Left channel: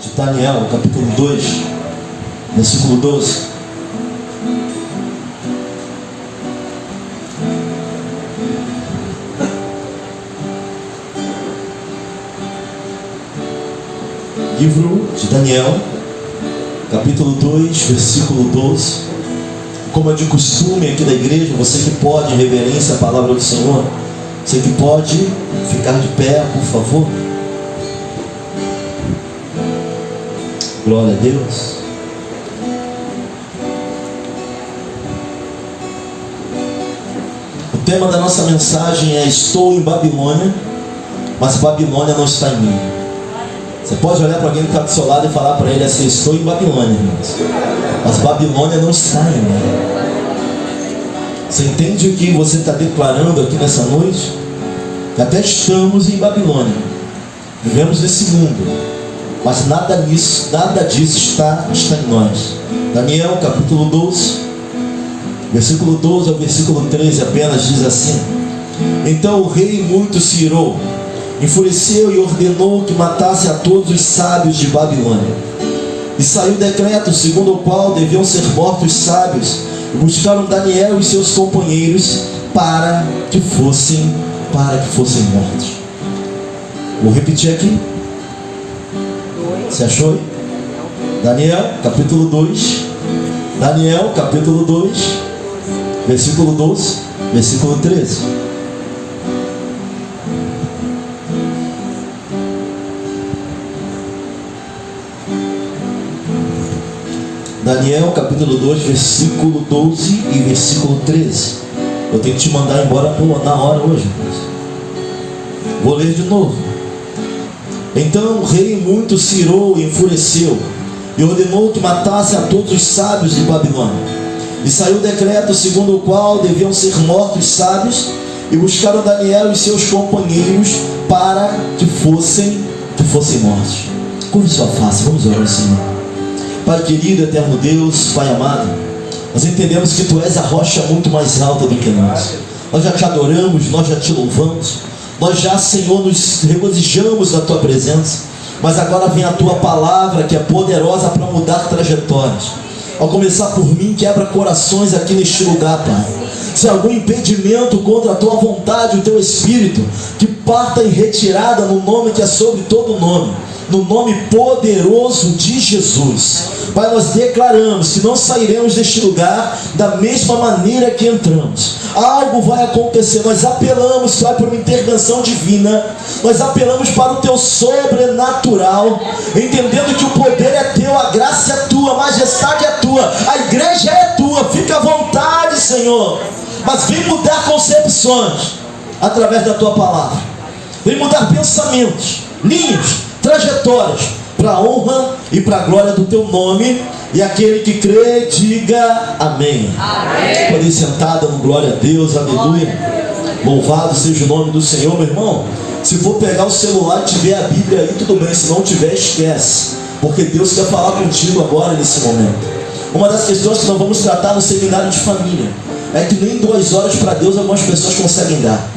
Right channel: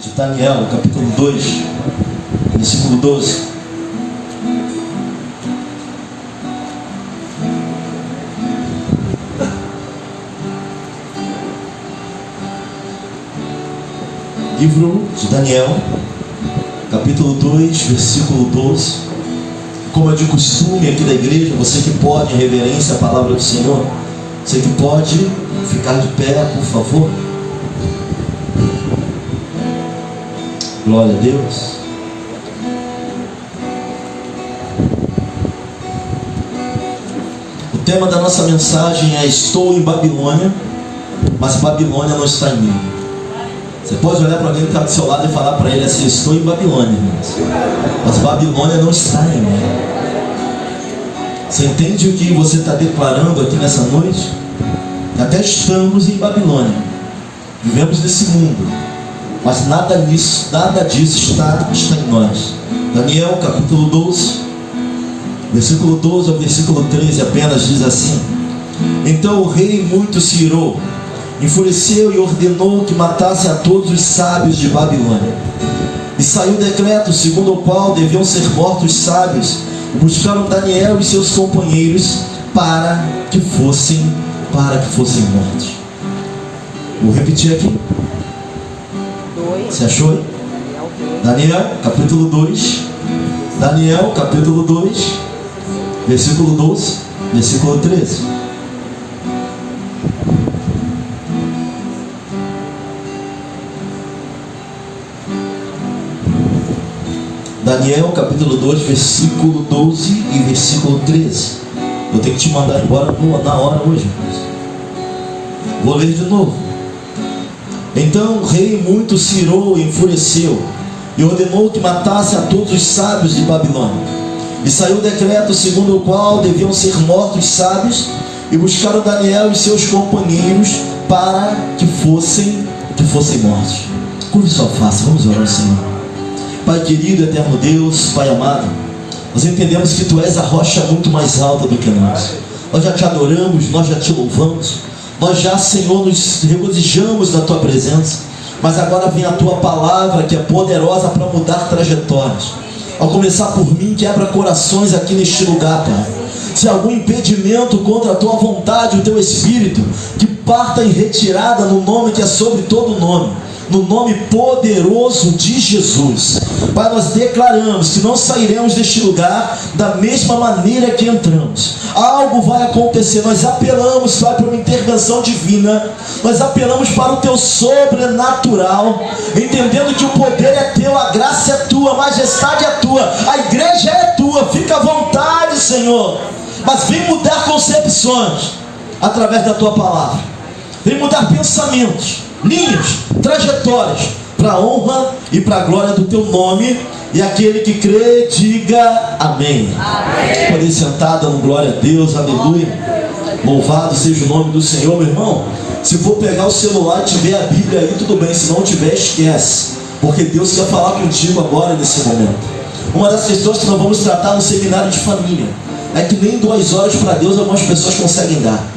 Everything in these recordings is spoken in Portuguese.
de Daniel, capítulo 2, versículo 12. Livro de Daniel, capítulo 2, versículo 12. Como é de costume aqui da igreja, você que pode, em reverência à palavra do Senhor, você que pode ficar de pé, por favor. Glória a Deus. O tema da nossa mensagem é: estou em Babilônia, mas Babilônia não está em mim. Você pode olhar para alguém que está do seu lado e falar para ele assim: estou em Babilônia, irmãos, mas Babilônia não está em mim. Você entende o que você está declarando aqui nessa noite? Que até estamos em Babilônia, vivemos nesse mundo, mas nada disso está em nós. Daniel capítulo 12, versículo 12 ao versículo 13 apenas diz assim: então o rei muito se irou, enfureceu e ordenou que matasse a todos os sábios de Babilônia. E saiu decreto segundo o qual deviam ser mortos os sábios, e buscaram Daniel e seus companheiros para que fossem mortos. Vou repetir aqui. Você achou? Daniel capítulo 2, Daniel capítulo 2, versículo 12, versículo 13. Daniel capítulo 2, versículo 12 e versículo 13. Eu tenho que te mandar embora na hora hoje, irmãos. Vou ler de novo. Então o rei muito se irou e enfureceu, e ordenou que matasse a todos os sábios de Babilônia. E saiu decreto segundo o qual deviam ser mortos os sábios, e buscaram Daniel e seus companheiros para que fossem mortos. Curve sua face, vamos orar ao Senhor. Pai querido, eterno Deus, Pai amado, nós entendemos que Tu és a rocha muito mais alta do que nós. Nós já Te adoramos, nós já Te louvamos, nós já, Senhor, nos regozijamos na Tua presença. Mas agora vem a Tua palavra, que é poderosa para mudar trajetórias. Ao começar por mim, quebra corações aqui neste lugar, Pai. Se há algum impedimento contra a Tua vontade, o Teu Espírito, que parta em retirada no nome que é sobre todo nome, no nome poderoso de Jesus. Pai, nós declaramos que não sairemos deste lugar da mesma maneira que entramos. Algo vai acontecer. Nós apelamos, Pai, por uma intervenção divina. Nós apelamos para o Teu sobrenatural, entendendo que o poder é Teu, a graça é Tua, a majestade é Tua, a igreja é Tua. Fica à vontade, Senhor, mas vem mudar concepções através da Tua palavra. Vem mudar pensamentos, linhas, trajetórias, para a honra e para a glória do Teu nome. E aquele que crê, diga amém. Amém. Pode ir sentar, dando glória a Deus, aleluia. Louvado seja o nome do Senhor, meu irmão. Se for pegar o celular e tiver a Bíblia aí, tudo bem. Se não tiver, esquece, porque Deus quer falar contigo agora nesse momento. Uma das questões que nós vamos tratar no seminário de família é que nem 2 horas para Deus algumas pessoas conseguem dar.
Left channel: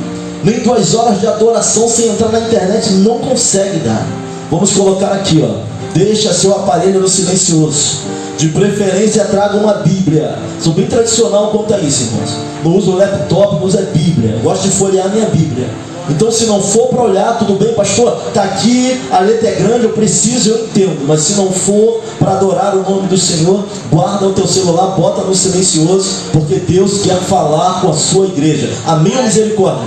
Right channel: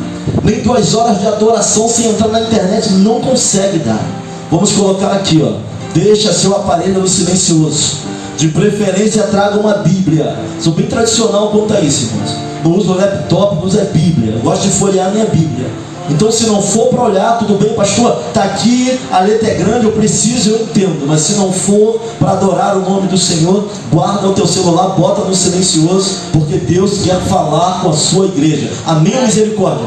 Nem 2 horas de adoração sem entrar na internet não consegue dar. Vamos colocar aqui, ó: deixa seu aparelho no silencioso. De preferência traga uma Bíblia. Sou bem tradicional quanto a isso, irmãos. Não uso laptop, não uso Bíblia. Eu gosto de folhear minha Bíblia. Então, se não for para olhar, tudo bem, pastor, está aqui, a letra é grande, eu preciso, eu entendo. Mas se não for para adorar o nome do Senhor, guarda o teu celular, bota no silencioso, porque Deus quer falar com a sua igreja. Amém ou misericórdia?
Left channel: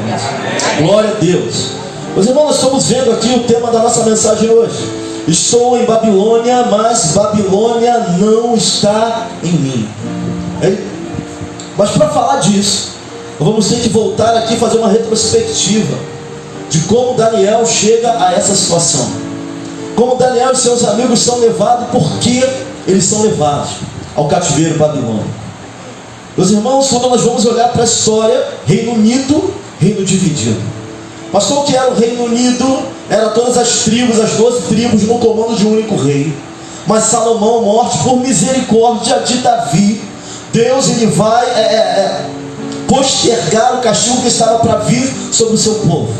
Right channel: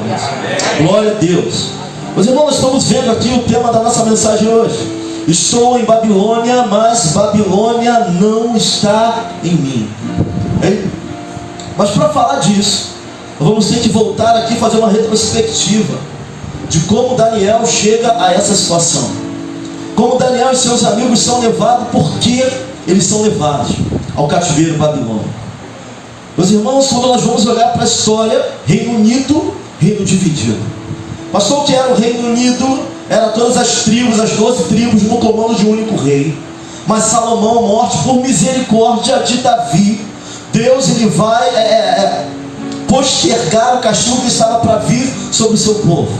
Glória a Deus. Meus irmãos, nós estamos vendo aqui o tema da nossa mensagem hoje. Estou em Babilônia, mas Babilônia não está em mim. Hein? Mas para falar disso, vamos ter que voltar aqui e fazer uma retrospectiva de como Daniel chega a essa situação. Como Daniel e seus amigos são levados, por que eles são levados ao cativeiro babilônico. Meus irmãos, quando nós vamos olhar para a história, Reino Unido, reino dividido. Pastor, o que era o Reino Unido? Era todas as tribos, as 12 tribos no comando de um único rei. Mas Salomão, morte por misericórdia de Davi, Deus ele vai postergar o castigo que estava para vir sobre o seu povo.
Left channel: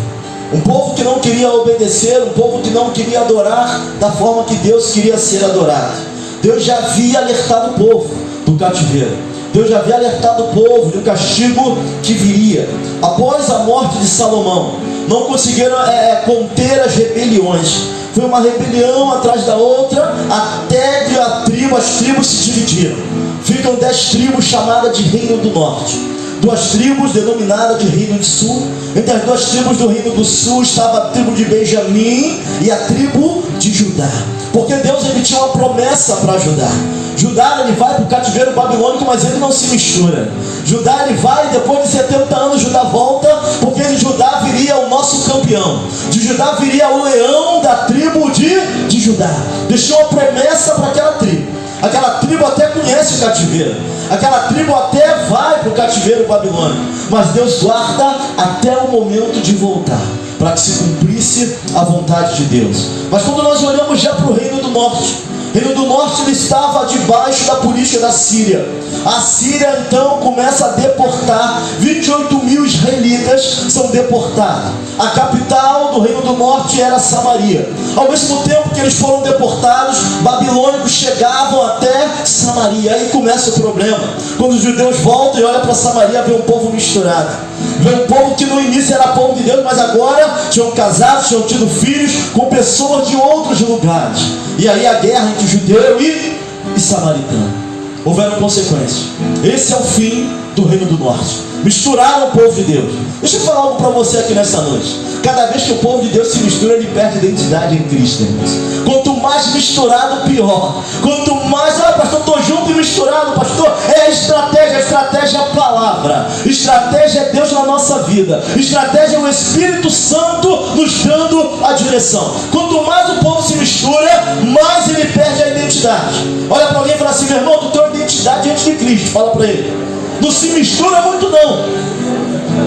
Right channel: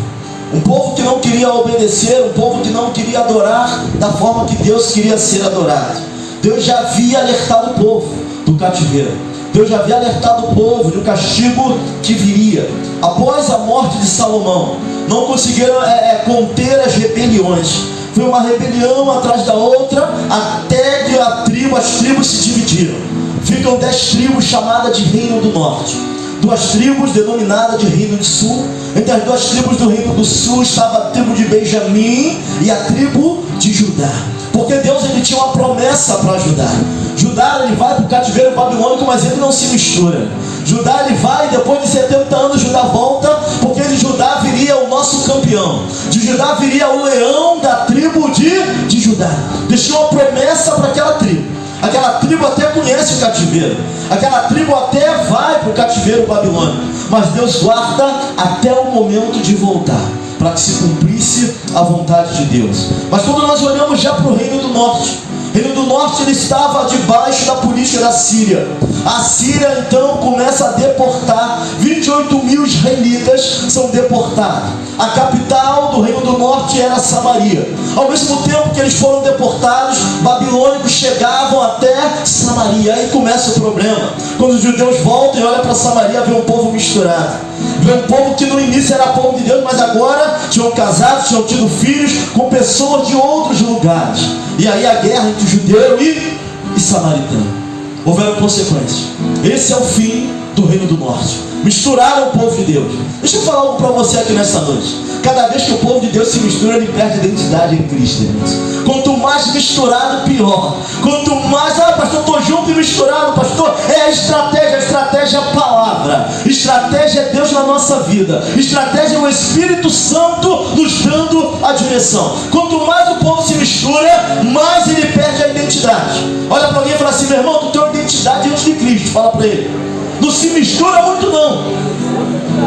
Um povo que não queria obedecer, um povo que não queria adorar da forma que Deus queria ser adorado. Deus já havia alertado o povo do cativeiro. Deus já havia alertado o povo do castigo que viria. Após a morte de Salomão, não conseguiram conter as rebeliões. Foi uma rebelião atrás da outra, até que as tribos se dividiram. Ficam 10 tribos chamadas de Reino do Norte, 2 tribos denominadas de Reino do Sul. Entre as 2 tribos do Reino do Sul estava a tribo de Benjamim e a tribo de Judá, porque Deus ele tinha uma promessa para Judá. Judá ele vai para o cativeiro babilônico, mas ele não se mistura. Judá ele vai, depois de 70 anos Judá volta, porque de Judá viria o nosso campeão. De Judá viria o leão da tribo de Judá. Deixou uma promessa para aquela tribo. Aquela tribo até conhece o cativeiro. Aquela tribo até vai para o cativeiro babilônico. Mas Deus guarda até o momento de voltar, para que se cumprisse a vontade de Deus. Mas quando nós olhamos já para o Reino do Norte, o Reino do Norte ele estava debaixo da política da Síria. A Síria então começa a deportar. 28 mil israelitas são deportados. A capital do Reino do Norte era Samaria. Ao mesmo tempo que eles foram deportados, babilônicos chegavam até Samaria. Aí começa o problema. Quando os judeus voltam e olham para Samaria, vê um povo misturado. Vê um povo que no início era povo de Deus, mas agora tinham casado, tinham tido filhos com pessoas de outros lugares. E aí a guerra entre judeu e samaritano. Houveram consequências. Esse é o fim do Reino do Norte. Misturaram o povo de Deus. Deixa eu falar algo para você aqui nessa noite. Cada vez que o povo de Deus se mistura, ele perde a identidade em Cristo, irmãos. Quanto mais misturado, pior. Quanto mais, pastor, estou junto e misturado, pastor. É a estratégia é a palavra. Estratégia é Deus na nossa vida. Estratégia é o Espírito Santo nos dando a direção. Quanto mais o povo se mistura, mais ele perde a identidade. Olha para alguém e fala assim: meu irmão, tu tem uma identidade diante de Cristo. Fala para ele. Não se mistura muito não.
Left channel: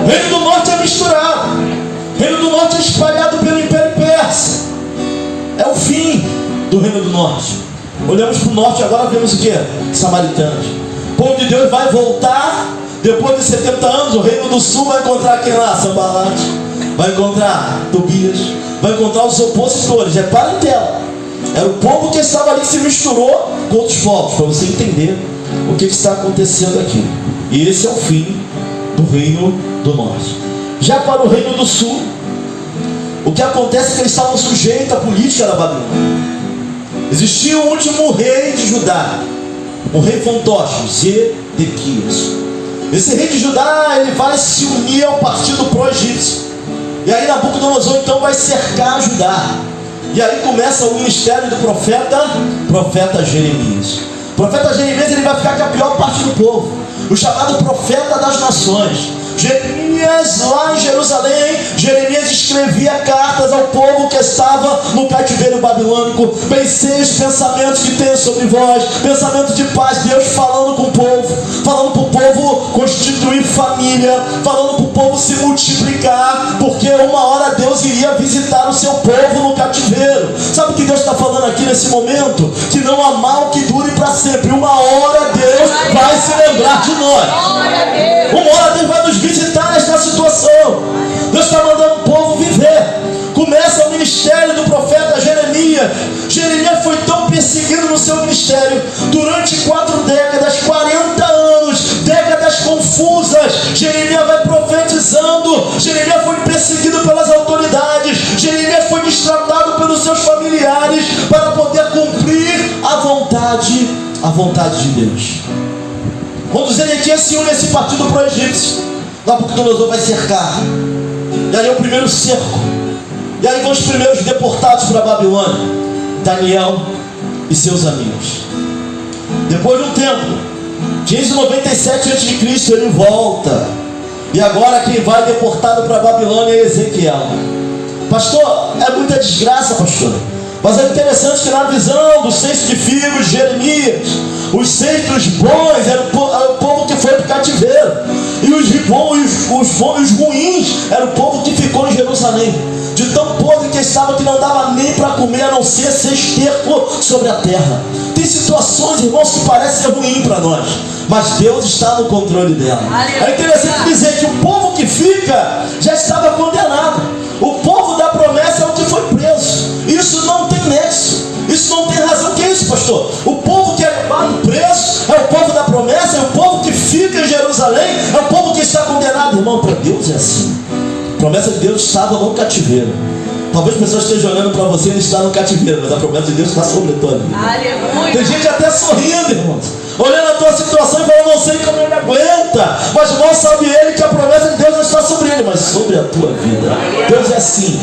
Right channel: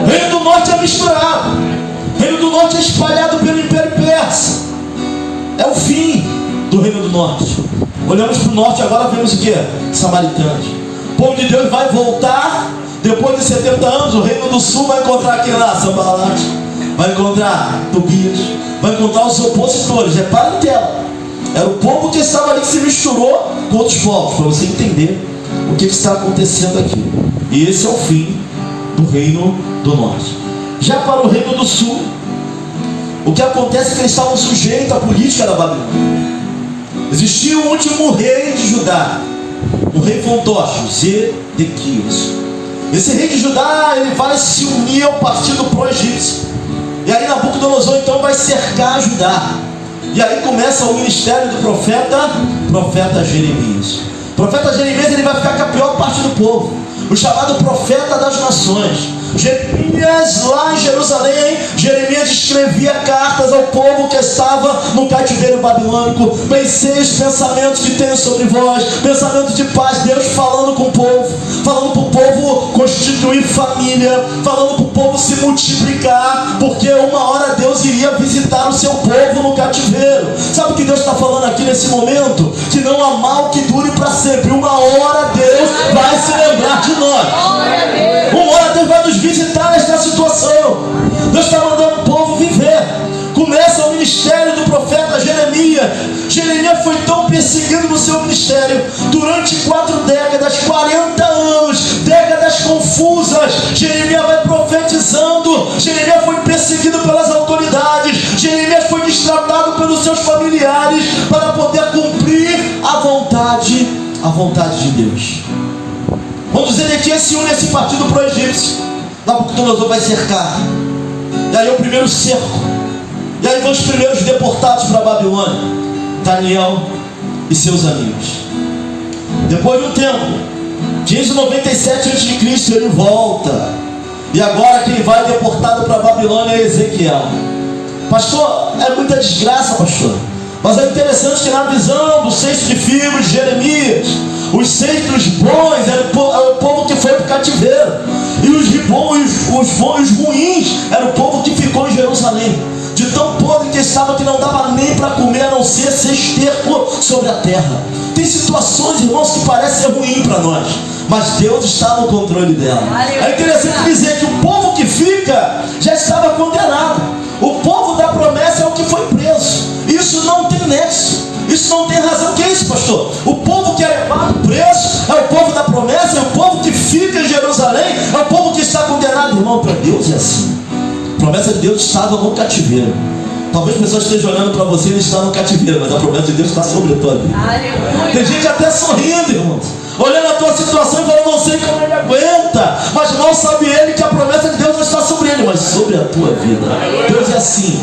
Reino do Norte é misturado. Reino do Norte é espalhado pelo Império Persa. É o fim do Reino do Norte. Olhamos para o Norte agora, vemos o que? Samaritanos. O povo de Deus vai voltar. Depois de 70 anos, o Reino do Sul vai encontrar aqui lá Sanbalat, vai encontrar Tobias, vai encontrar os opositores. É parentela. Era o povo que estava ali, que se misturou com outros povos, para você entender o que está acontecendo aqui. E esse é o fim do Reino do Norte. Já para o Reino do Sul, o que acontece é que eles estavam sujeitos à política da Babilônia. Existia o último rei de Judá, o rei fantoche, Zedequias. Esse rei de Judá, ele vai se unir ao partido pró-egípcio. E aí Nabucodonosor então vai cercar Judá. E aí começa o ministério do profeta Jeremias. O profeta Jeremias ele vai ficar com a pior parte do povo, o chamado profeta das nações. Jeremias, lá em Jerusalém, Jeremias escrevia cartas ao povo que estava no cativeiro babilônico. Pensei os pensamentos que tenho sobre vós, pensamentos de paz. Deus falando com o povo, falando para o povo constituir família, falando para o povo se multiplicar, porque uma hora Deus iria visitar o seu povo no cativeiro. Sabe o que Deus está falando aqui nesse momento? Que não há mal que dure para sempre. Uma hora Deus vai se lembrar de nós. Uma hora Deus vai nos visitar nesta situação. Deus está mandando o povo viver. Começa o ministério do profeta Jeremias. Jeremias foi tão perseguido no seu ministério durante 4 décadas, 40 anos, décadas confusas. Jeremias vai profetizando. Jeremias foi perseguido pelas autoridades. Jeremias foi destratado pelos seus familiares para poder cumprir a vontade de Deus. Quando Zedequias se une a esse partido pró-egípcio, Nabucodonosor vai cercar. E aí é o primeiro cerco. E aí vão os primeiros deportados para a Babilônia, Daniel e seus amigos. Depois de um tempo, 597 a.C., ele volta. E agora quem vai deportado para a Babilônia é Ezequiel. Pastor, é muita desgraça, pastor. Mas é interessante que na visão do cesto de figos de Jeremias, os cestos bons era o povo que foi para o cativeiro, e os ruins era o povo que ficou em Jerusalém. De tão podre que estava, que não dava nem para comer, a não ser esterco sobre a terra. Tem situações, irmãos, que parecem ruim para nós, mas Deus está no controle dela. É interessante dizer que o povo que fica já estava condenado. O povo pastor? O povo que é levado preso é o povo da promessa, é o povo que fica em Jerusalém, é o povo que está condenado. Irmão, para Deus é assim. A promessa de Deus estava no cativeiro. Talvez pessoas estejam olhando para você e ele está no cativeiro, mas a promessa de Deus está sobre a tua vida. Aleluia. Tem gente até sorrindo, irmãos, olhando a tua situação e falando, não sei como ele aguenta, mas não sabe ele que a promessa de Deus não está sobre ele, mas sobre a tua vida. Deus é assim.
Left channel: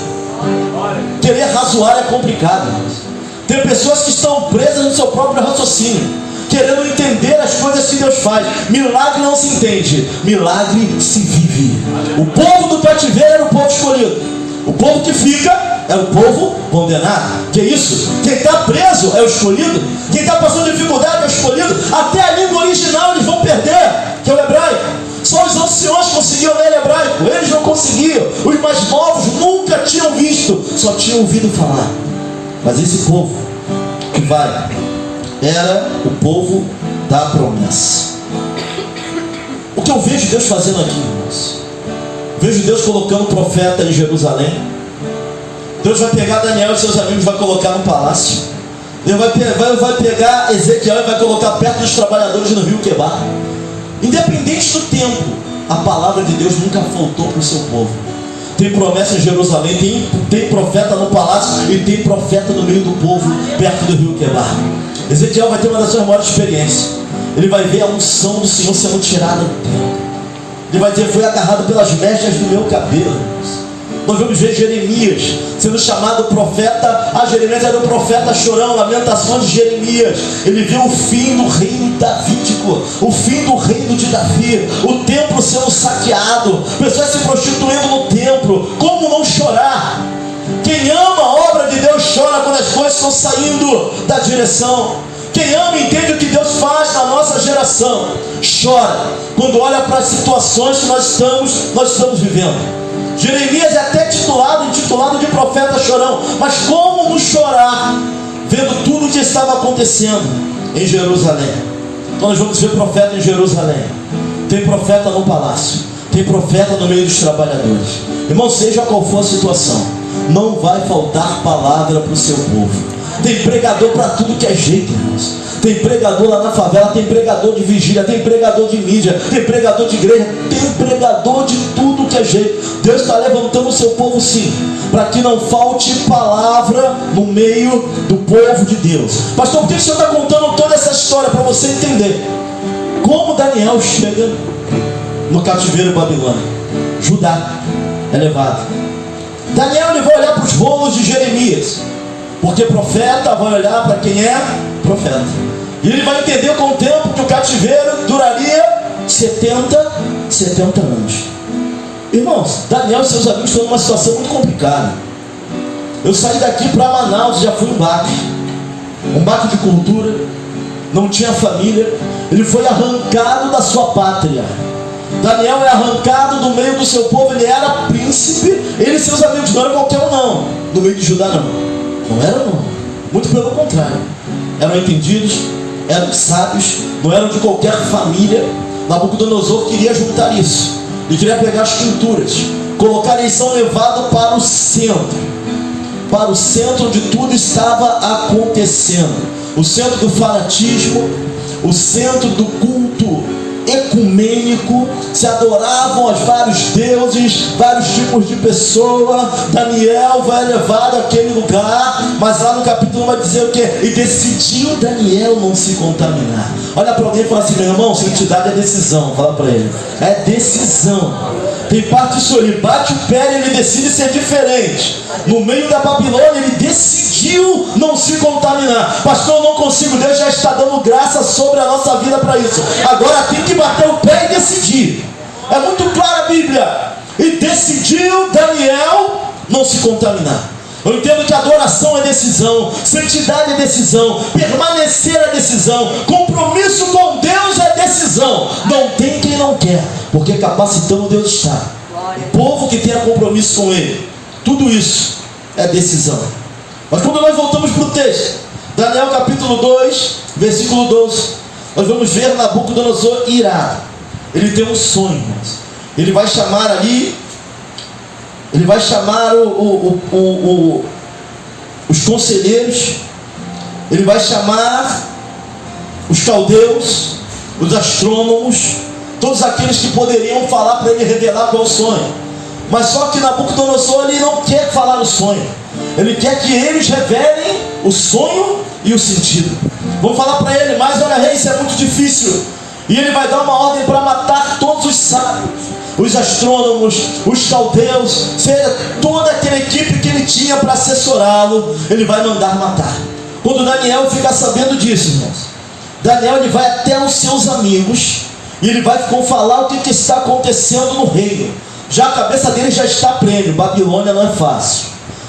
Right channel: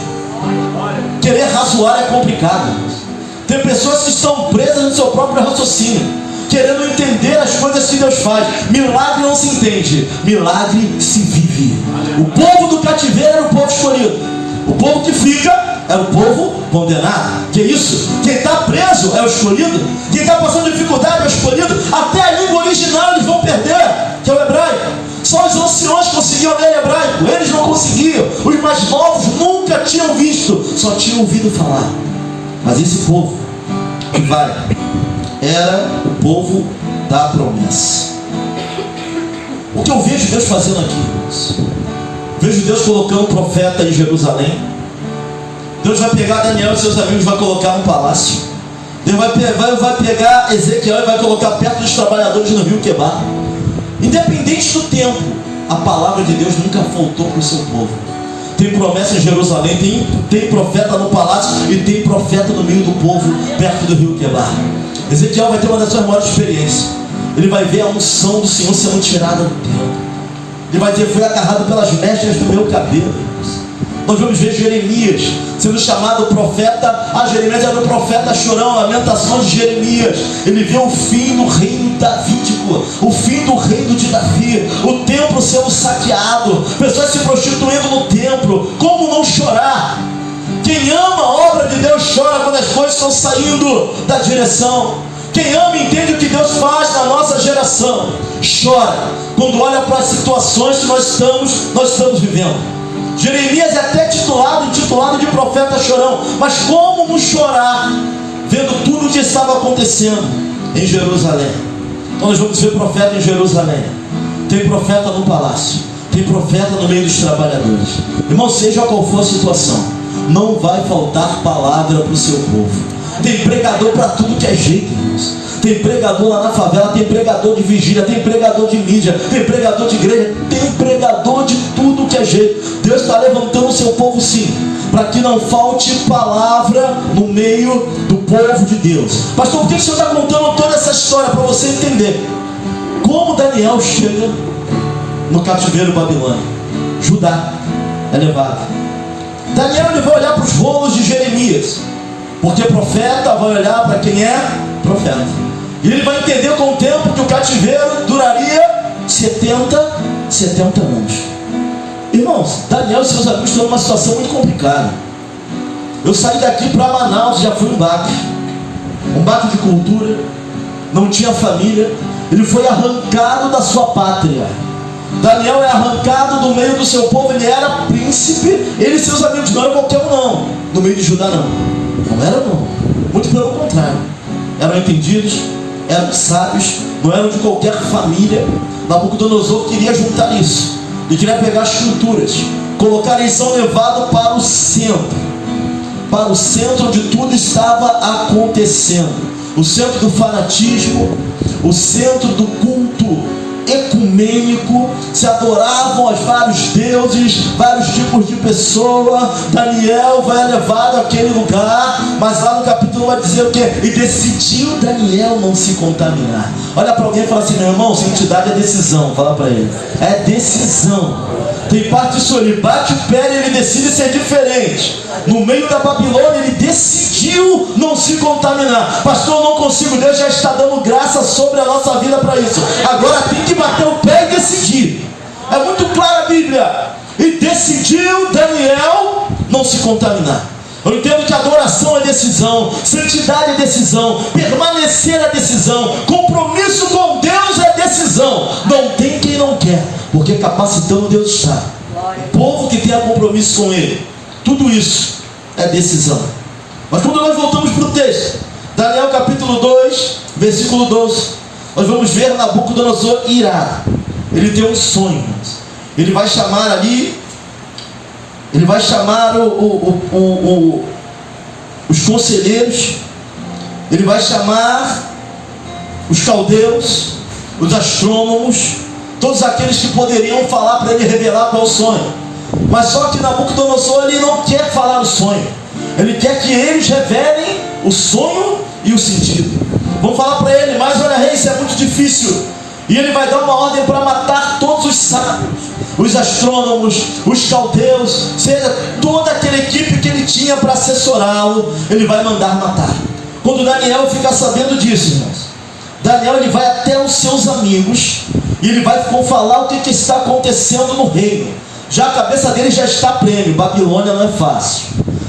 Querer razoar é complicado, irmãos. Tem pessoas que estão presas no seu próprio raciocínio, querendo entender as coisas que Deus faz. Milagre não se entende, milagre se vive. O povo do cativeiro era o povo escolhido. O povo que fica é o povo condenado. Que é isso? Quem está preso é o escolhido. Quem está passando dificuldade é o escolhido. Até a língua original eles vão perder, que é o hebraico. Só os anciões conseguiam ler hebraico. Eles não conseguiam. Os mais novos nunca tinham visto, só tinham ouvido falar. Mas esse povo que vai era o povo da promessa. O que eu vejo Deus fazendo aqui, irmãos? Vejo Deus colocando o profeta em Jerusalém. Deus vai pegar Daniel e seus amigos, vai colocar no palácio. Deus vai pegar Ezequiel e vai colocar perto dos trabalhadores no rio Quebar. Independente do tempo, a palavra de Deus nunca faltou para o seu povo. Tem promessa em Jerusalém, tem profeta no palácio e tem profeta no meio do povo, perto do rio Quebar. Ezequiel vai ter uma das suas maiores experiências. Ele vai ver a unção do Senhor sendo tirada do templo. Ele vai dizer, foi agarrado pelas mechas do meu cabelo. Nós vamos ver Jeremias sendo chamado profeta. Jeremias era o profeta chorão, lamentações de Jeremias. Ele viu o fim do reino davídico, o fim do reino de Davi, o templo sendo saqueado, pessoas se prostituindo no templo. Como não chorar? Quem ama a obra de Deus chora quando as coisas estão saindo da direção. Quem ama e entende o que Deus faz na nossa geração chora quando olha para as situações que nós estamos vivendo. Jeremias é até intitulado de profeta chorão, mas como não chorar vendo tudo o que estava acontecendo em Jerusalém? Então nós vamos ver profeta em Jerusalém, tem profeta no palácio, tem profeta no meio dos trabalhadores. Irmão, seja qual for a situação, não vai faltar palavra para o seu povo. Tem pregador para tudo que é jeito, irmãos. Tem pregador lá na favela, tem pregador de vigília, tem pregador de mídia, tem pregador de igreja, tem pregador de tudo que é jeito. Deus está levantando o seu povo sim, para que não falte palavra no meio do povo de Deus. Pastor, por que o senhor está contando toda essa história? Para você entender como Daniel chega no cativeiro babilônico. Judá é levado. Daniel ele vai olhar para os rolos de Jeremias, porque profeta vai olhar para quem é profeta. E ele vai entender com o tempo que o cativeiro duraria 70 anos. Irmãos, Daniel e seus amigos estão numa situação muito complicada. Eu saí daqui para Manaus, já fui um baque de cultura, não tinha família. Ele foi arrancado da sua pátria. Daniel é arrancado do meio do seu povo. Ele era príncipe, ele e seus amigos não eram qualquer um não, no meio de Judá não eram não, muito pelo contrário, eram entendidos, eram sábios, não eram de qualquer família. Nabucodonosor queria juntar isso, ele queria pegar as culturas, colocar, eles são levados para o centro onde tudo estava acontecendo, o centro do fanatismo, o centro do culto ecumênico, se adoravam aos vários deuses, vários tipos de pessoa. Daniel vai levado àquele lugar, mas lá no capítulo vai dizer o que? E decidiu Daniel não se contaminar. Olha para alguém e fala assim, meu irmão, santidade é decisão. Fala para ele, é decisão. Tem parte disso, ele bate o pé e ele decide ser diferente. No meio da Babilônia ele decidiu não se contaminar. Pastor, eu não consigo, Deus já está dando graça sobre a nossa vida para isso. Agora tem que bater o pé e decidir. É muito clara a Bíblia. E decidiu Daniel não se contaminar. Eu entendo que adoração é decisão, santidade é decisão, permanecer é decisão, compromisso com Deus é decisão. Não tem quem não quer, porque capacitando Deus está. O povo que tenha compromisso com Ele, tudo isso é decisão. Mas quando nós voltamos para o texto, Daniel capítulo 2, versículo 12, nós vamos ver Nabucodonosor irado. Ele tem um sonho, ele vai chamar ali, ele vai chamar os conselheiros, Ele vai chamar os caldeus, os astrônomos, todos aqueles que poderiam falar para ele revelar qual é o sonho. Mas só que Nabucodonosor, ele não quer falar o sonho. Ele quer que eles revelem o sonho e o sentido. Vão falar para ele: mas olha, rei, isso é muito difícil. E ele vai dar uma ordem para matar todos os sábios, os astrônomos, os caldeus, seja toda aquela equipe que ele tinha para assessorá-lo, ele vai mandar matar. Quando Daniel fica sabendo disso, irmãos, Daniel ele vai até os seus amigos e ele vai falar o que está acontecendo no reino. Já a cabeça dele já está prêmio. Babilônia não é fácil.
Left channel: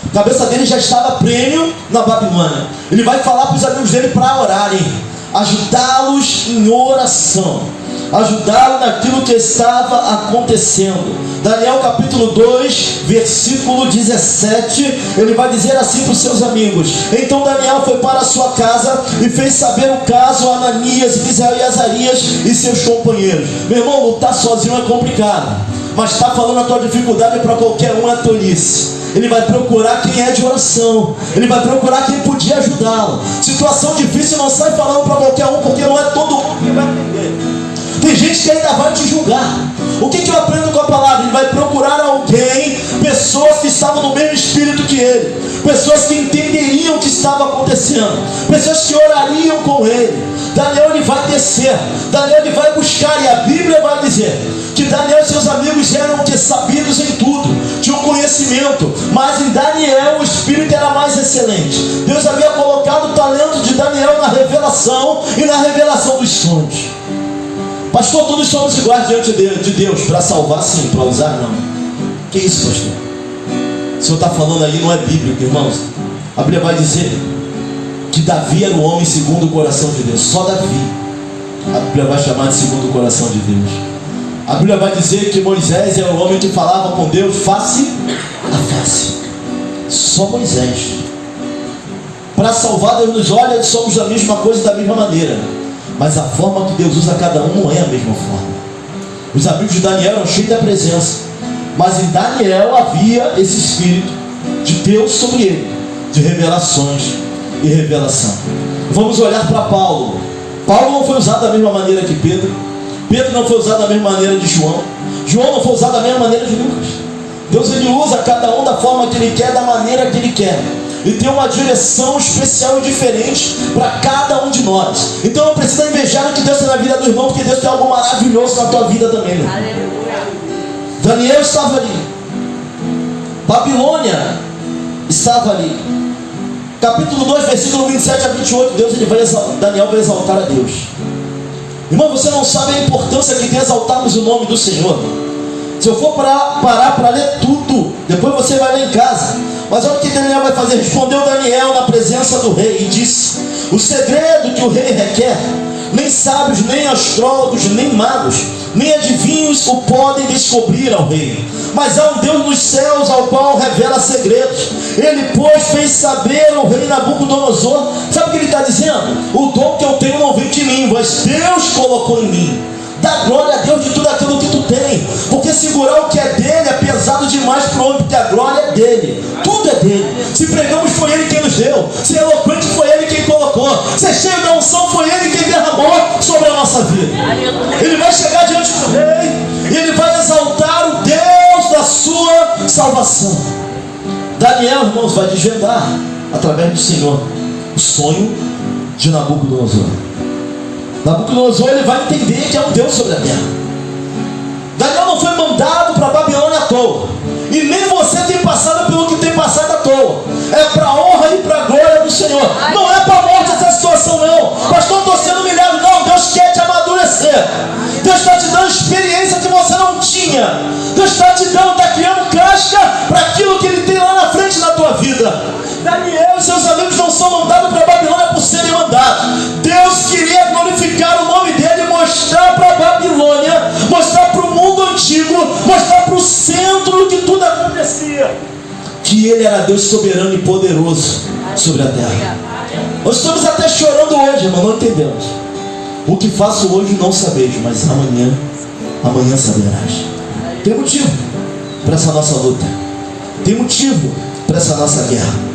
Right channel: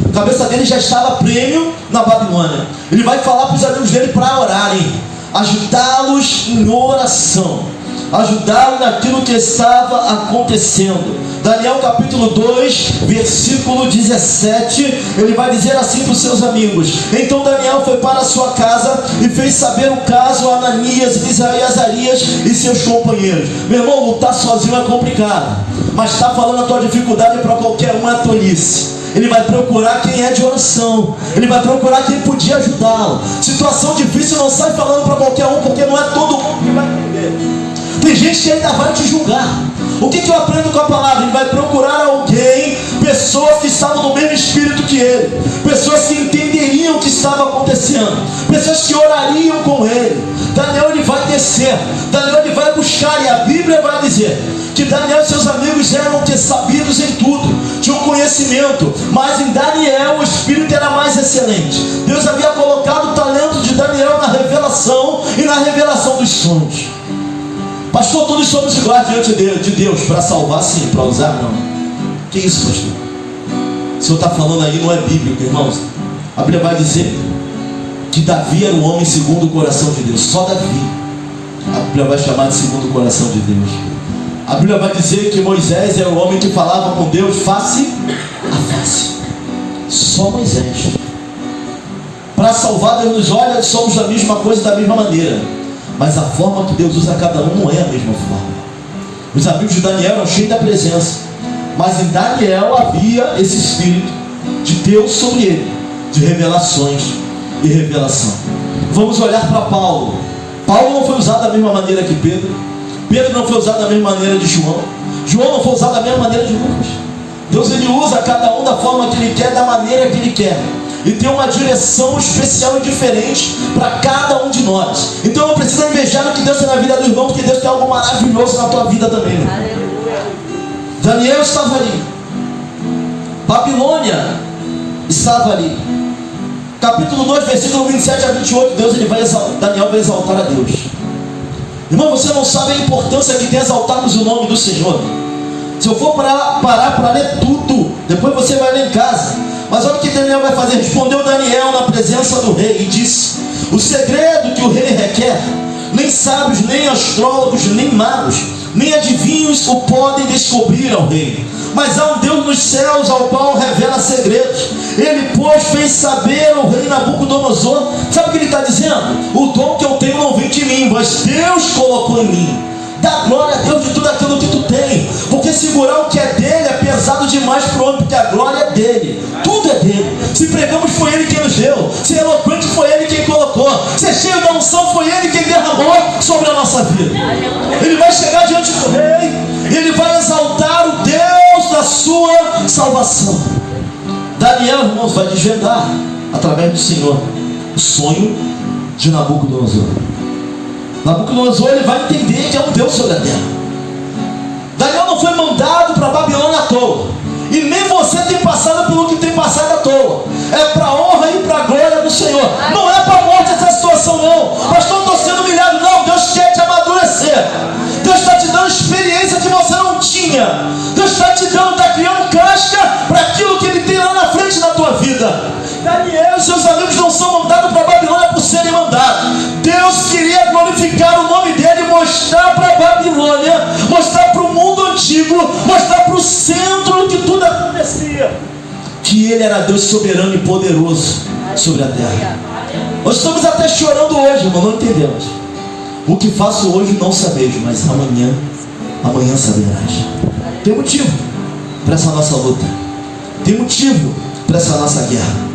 A cabeça dele já estava prêmio na Babilônia. Ele vai falar para os amigos dele para orarem, ajudá-los em oração, ajudá-los naquilo que estava acontecendo. Daniel capítulo 2, versículo 17, ele vai dizer assim para os seus amigos: então Daniel foi para a sua casa e fez saber o caso a Ananias, Misael, Azarias e seus companheiros. Meu irmão, lutar sozinho é complicado, mas está falando a tua dificuldade para qualquer um é tolice. Ele vai procurar quem é de oração, ele vai procurar quem podia ajudá-lo. Situação difícil não sai falando para qualquer um, porque não é todo mundo que vai entender. Tem gente que ainda vai te julgar. O que eu aprendo com a palavra? Ele vai procurar alguém, pessoas que estavam no mesmo espírito que ele, pessoas que entenderiam o que estava acontecendo, pessoas que orariam com ele. Daniel ele vai descer, Daniel ele vai buscar, e a Bíblia vai dizer que Daniel e seus amigos eram sabidos em tudo, tinham conhecimento, mas em Daniel o espírito era mais excelente. Deus havia colocado o talento de Daniel na revelação e na revelação dos sonhos. Pastor, todos somos iguais diante de Deus. Para salvar sim, para usar não. Que isso, pastor? O senhor está falando aí, não é bíblico, irmãos. A Bíblia vai dizer que Davi era o homem segundo o coração de Deus. Só Davi a Bíblia vai chamar de segundo o coração de Deus. A Bíblia vai dizer que Moisés era o homem que falava com Deus face a face. Só Moisés. Para salvar, Deus nos olha, somos da mesma coisa, da mesma maneira, mas a forma que Deus usa cada um não é a mesma forma. Os amigos de Daniel eram cheios da presença, mas em Daniel havia esse espírito de Deus sobre ele, de revelações e revelação. Vamos olhar para Paulo. Paulo não foi usado da mesma maneira que Pedro. Pedro não foi usado da mesma maneira de João. João não foi usado da mesma maneira de Lucas. Deus ele usa cada um da forma que ele quer, da maneira que ele quer, e tem uma direção especial e diferente para cada um de nós. Então não precisa invejar o que Deus tem na vida do irmão, porque Deus tem algo maravilhoso na tua vida também, né? Aleluia. Daniel estava ali, Babilônia estava ali. Capítulo 2, versículo 27 a 28, Daniel vai exaltar a Deus. Irmão, você não sabe a importância que tem exaltarmos o nome do Senhor. Se eu for parar para ler tudo, depois você vai ler em casa. Mas olha o que Daniel vai fazer. Respondeu Daniel na presença do rei e disse: o segredo que o rei requer, nem sábios, nem astrólogos, nem magos, nem adivinhos o podem descobrir ao rei. Mas há um Deus nos céus ao qual revela segredos. Ele, pois, fez saber ao rei Nabucodonosor. Sabe o que ele está dizendo? O dom que eu tenho não vem de mim, mas Deus colocou em mim. Dá glória a Deus de tudo aquilo que tu tem, porque segurar o que é dele é pesado demais para o homem, porque a glória é dele, tudo é dele. Se pregamos, foi ele quem nos deu. Se eloquente, foi ele quem colocou. Se cheio da unção, foi ele quem derramou sobre a nossa vida. Ele vai chegar diante do rei e ele vai exaltar o Deus da sua salvação. Daniel, irmãos, vai desvendar através do Senhor o sonho de Nabucodonosor. Nabucodonosor ele vai entender que é um Deus sobre a terra. Daniel não foi mandado para Babilônia à toa, e nem você tem passado pelo que tem passado à toa. É para a honra e para a glória do Senhor. Não é para a morte essa situação não. Pastor, estou sendo humilhado. Não, Deus quer te amadurecer. Deus está te dando experiência que você não tinha. Deus está te dando, está criando casca para aquilo que Ele tem lá na frente da tua vida. Daniel e seus amigos não são mandados para Babilônia por serem mandados. Deus queria glorificar o nome dele e mostrar para a Babilônia, mostrar para o mundo antigo, mostrar para o centro que tudo acontecia, que ele era Deus soberano e poderoso sobre a terra. Nós estamos até chorando hoje, irmão, não entendemos. O que faço hoje não sabeis, mas amanhã saberás. Tem motivo para essa nossa luta, tem motivo para essa nossa guerra.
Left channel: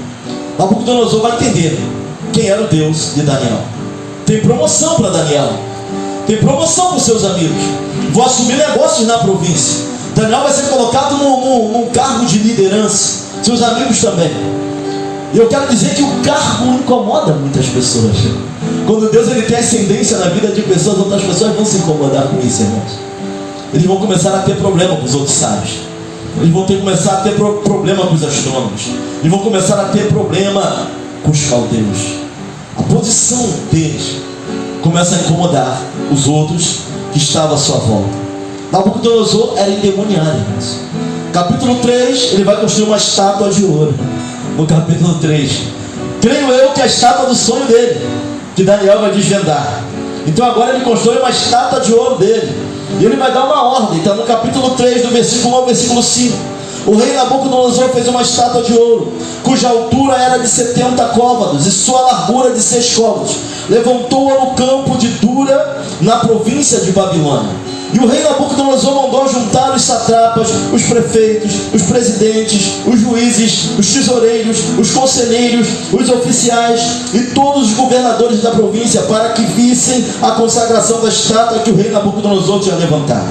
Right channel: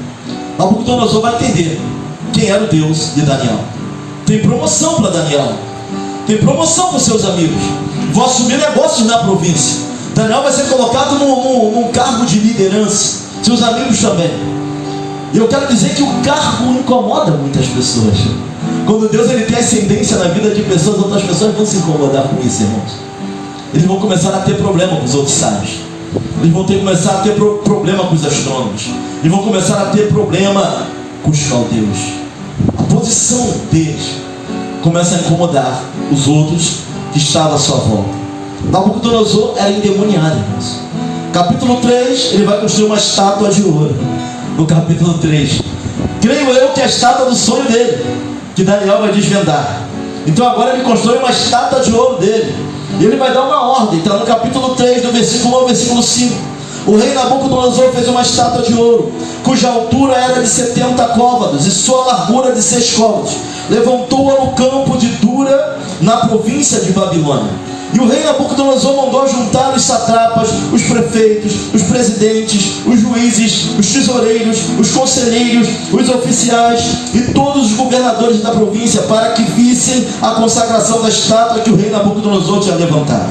Nabucodonosor vai entender quem era o Deus de Daniel. Tem promoção para Daniel, tem promoção para os seus amigos, vão assumir negócios na província. Daniel vai ser colocado num cargo de liderança, seus amigos também. E eu quero dizer que o cargo incomoda muitas pessoas. Quando Deus ele tem ascendência na vida de pessoas, outras pessoas vão se incomodar com isso, irmãos. Eles vão começar a ter problema com os outros sábios, eles vão começar a ter problema com os astrônomos, eles vão começar a ter problema com os caldeus. A posição deles começa a incomodar os outros que estavam à sua volta. Nabucodonosor era endemoniado, irmãos. Capítulo 3, ele vai construir uma estátua de ouro. No capítulo 3, creio eu que é a estátua do sonho dele, que Daniel vai desvendar. Então agora ele constrói uma estátua de ouro dele, e ele vai dar uma ordem. Está no capítulo 3, do versículo 1 ao versículo 5. O rei Nabucodonosor fez uma estátua de ouro, cuja altura era de 70 côvados e sua largura de 6 côvados. Levantou-a no campo de Dura, na província de Babilônia. E o rei Nabucodonosor mandou juntar os satrapas, os prefeitos, os presidentes, os juízes, os tesoureiros, os conselheiros, os oficiais e todos os governadores da província para que vissem a consagração da estátua que o rei Nabucodonosor tinha levantado.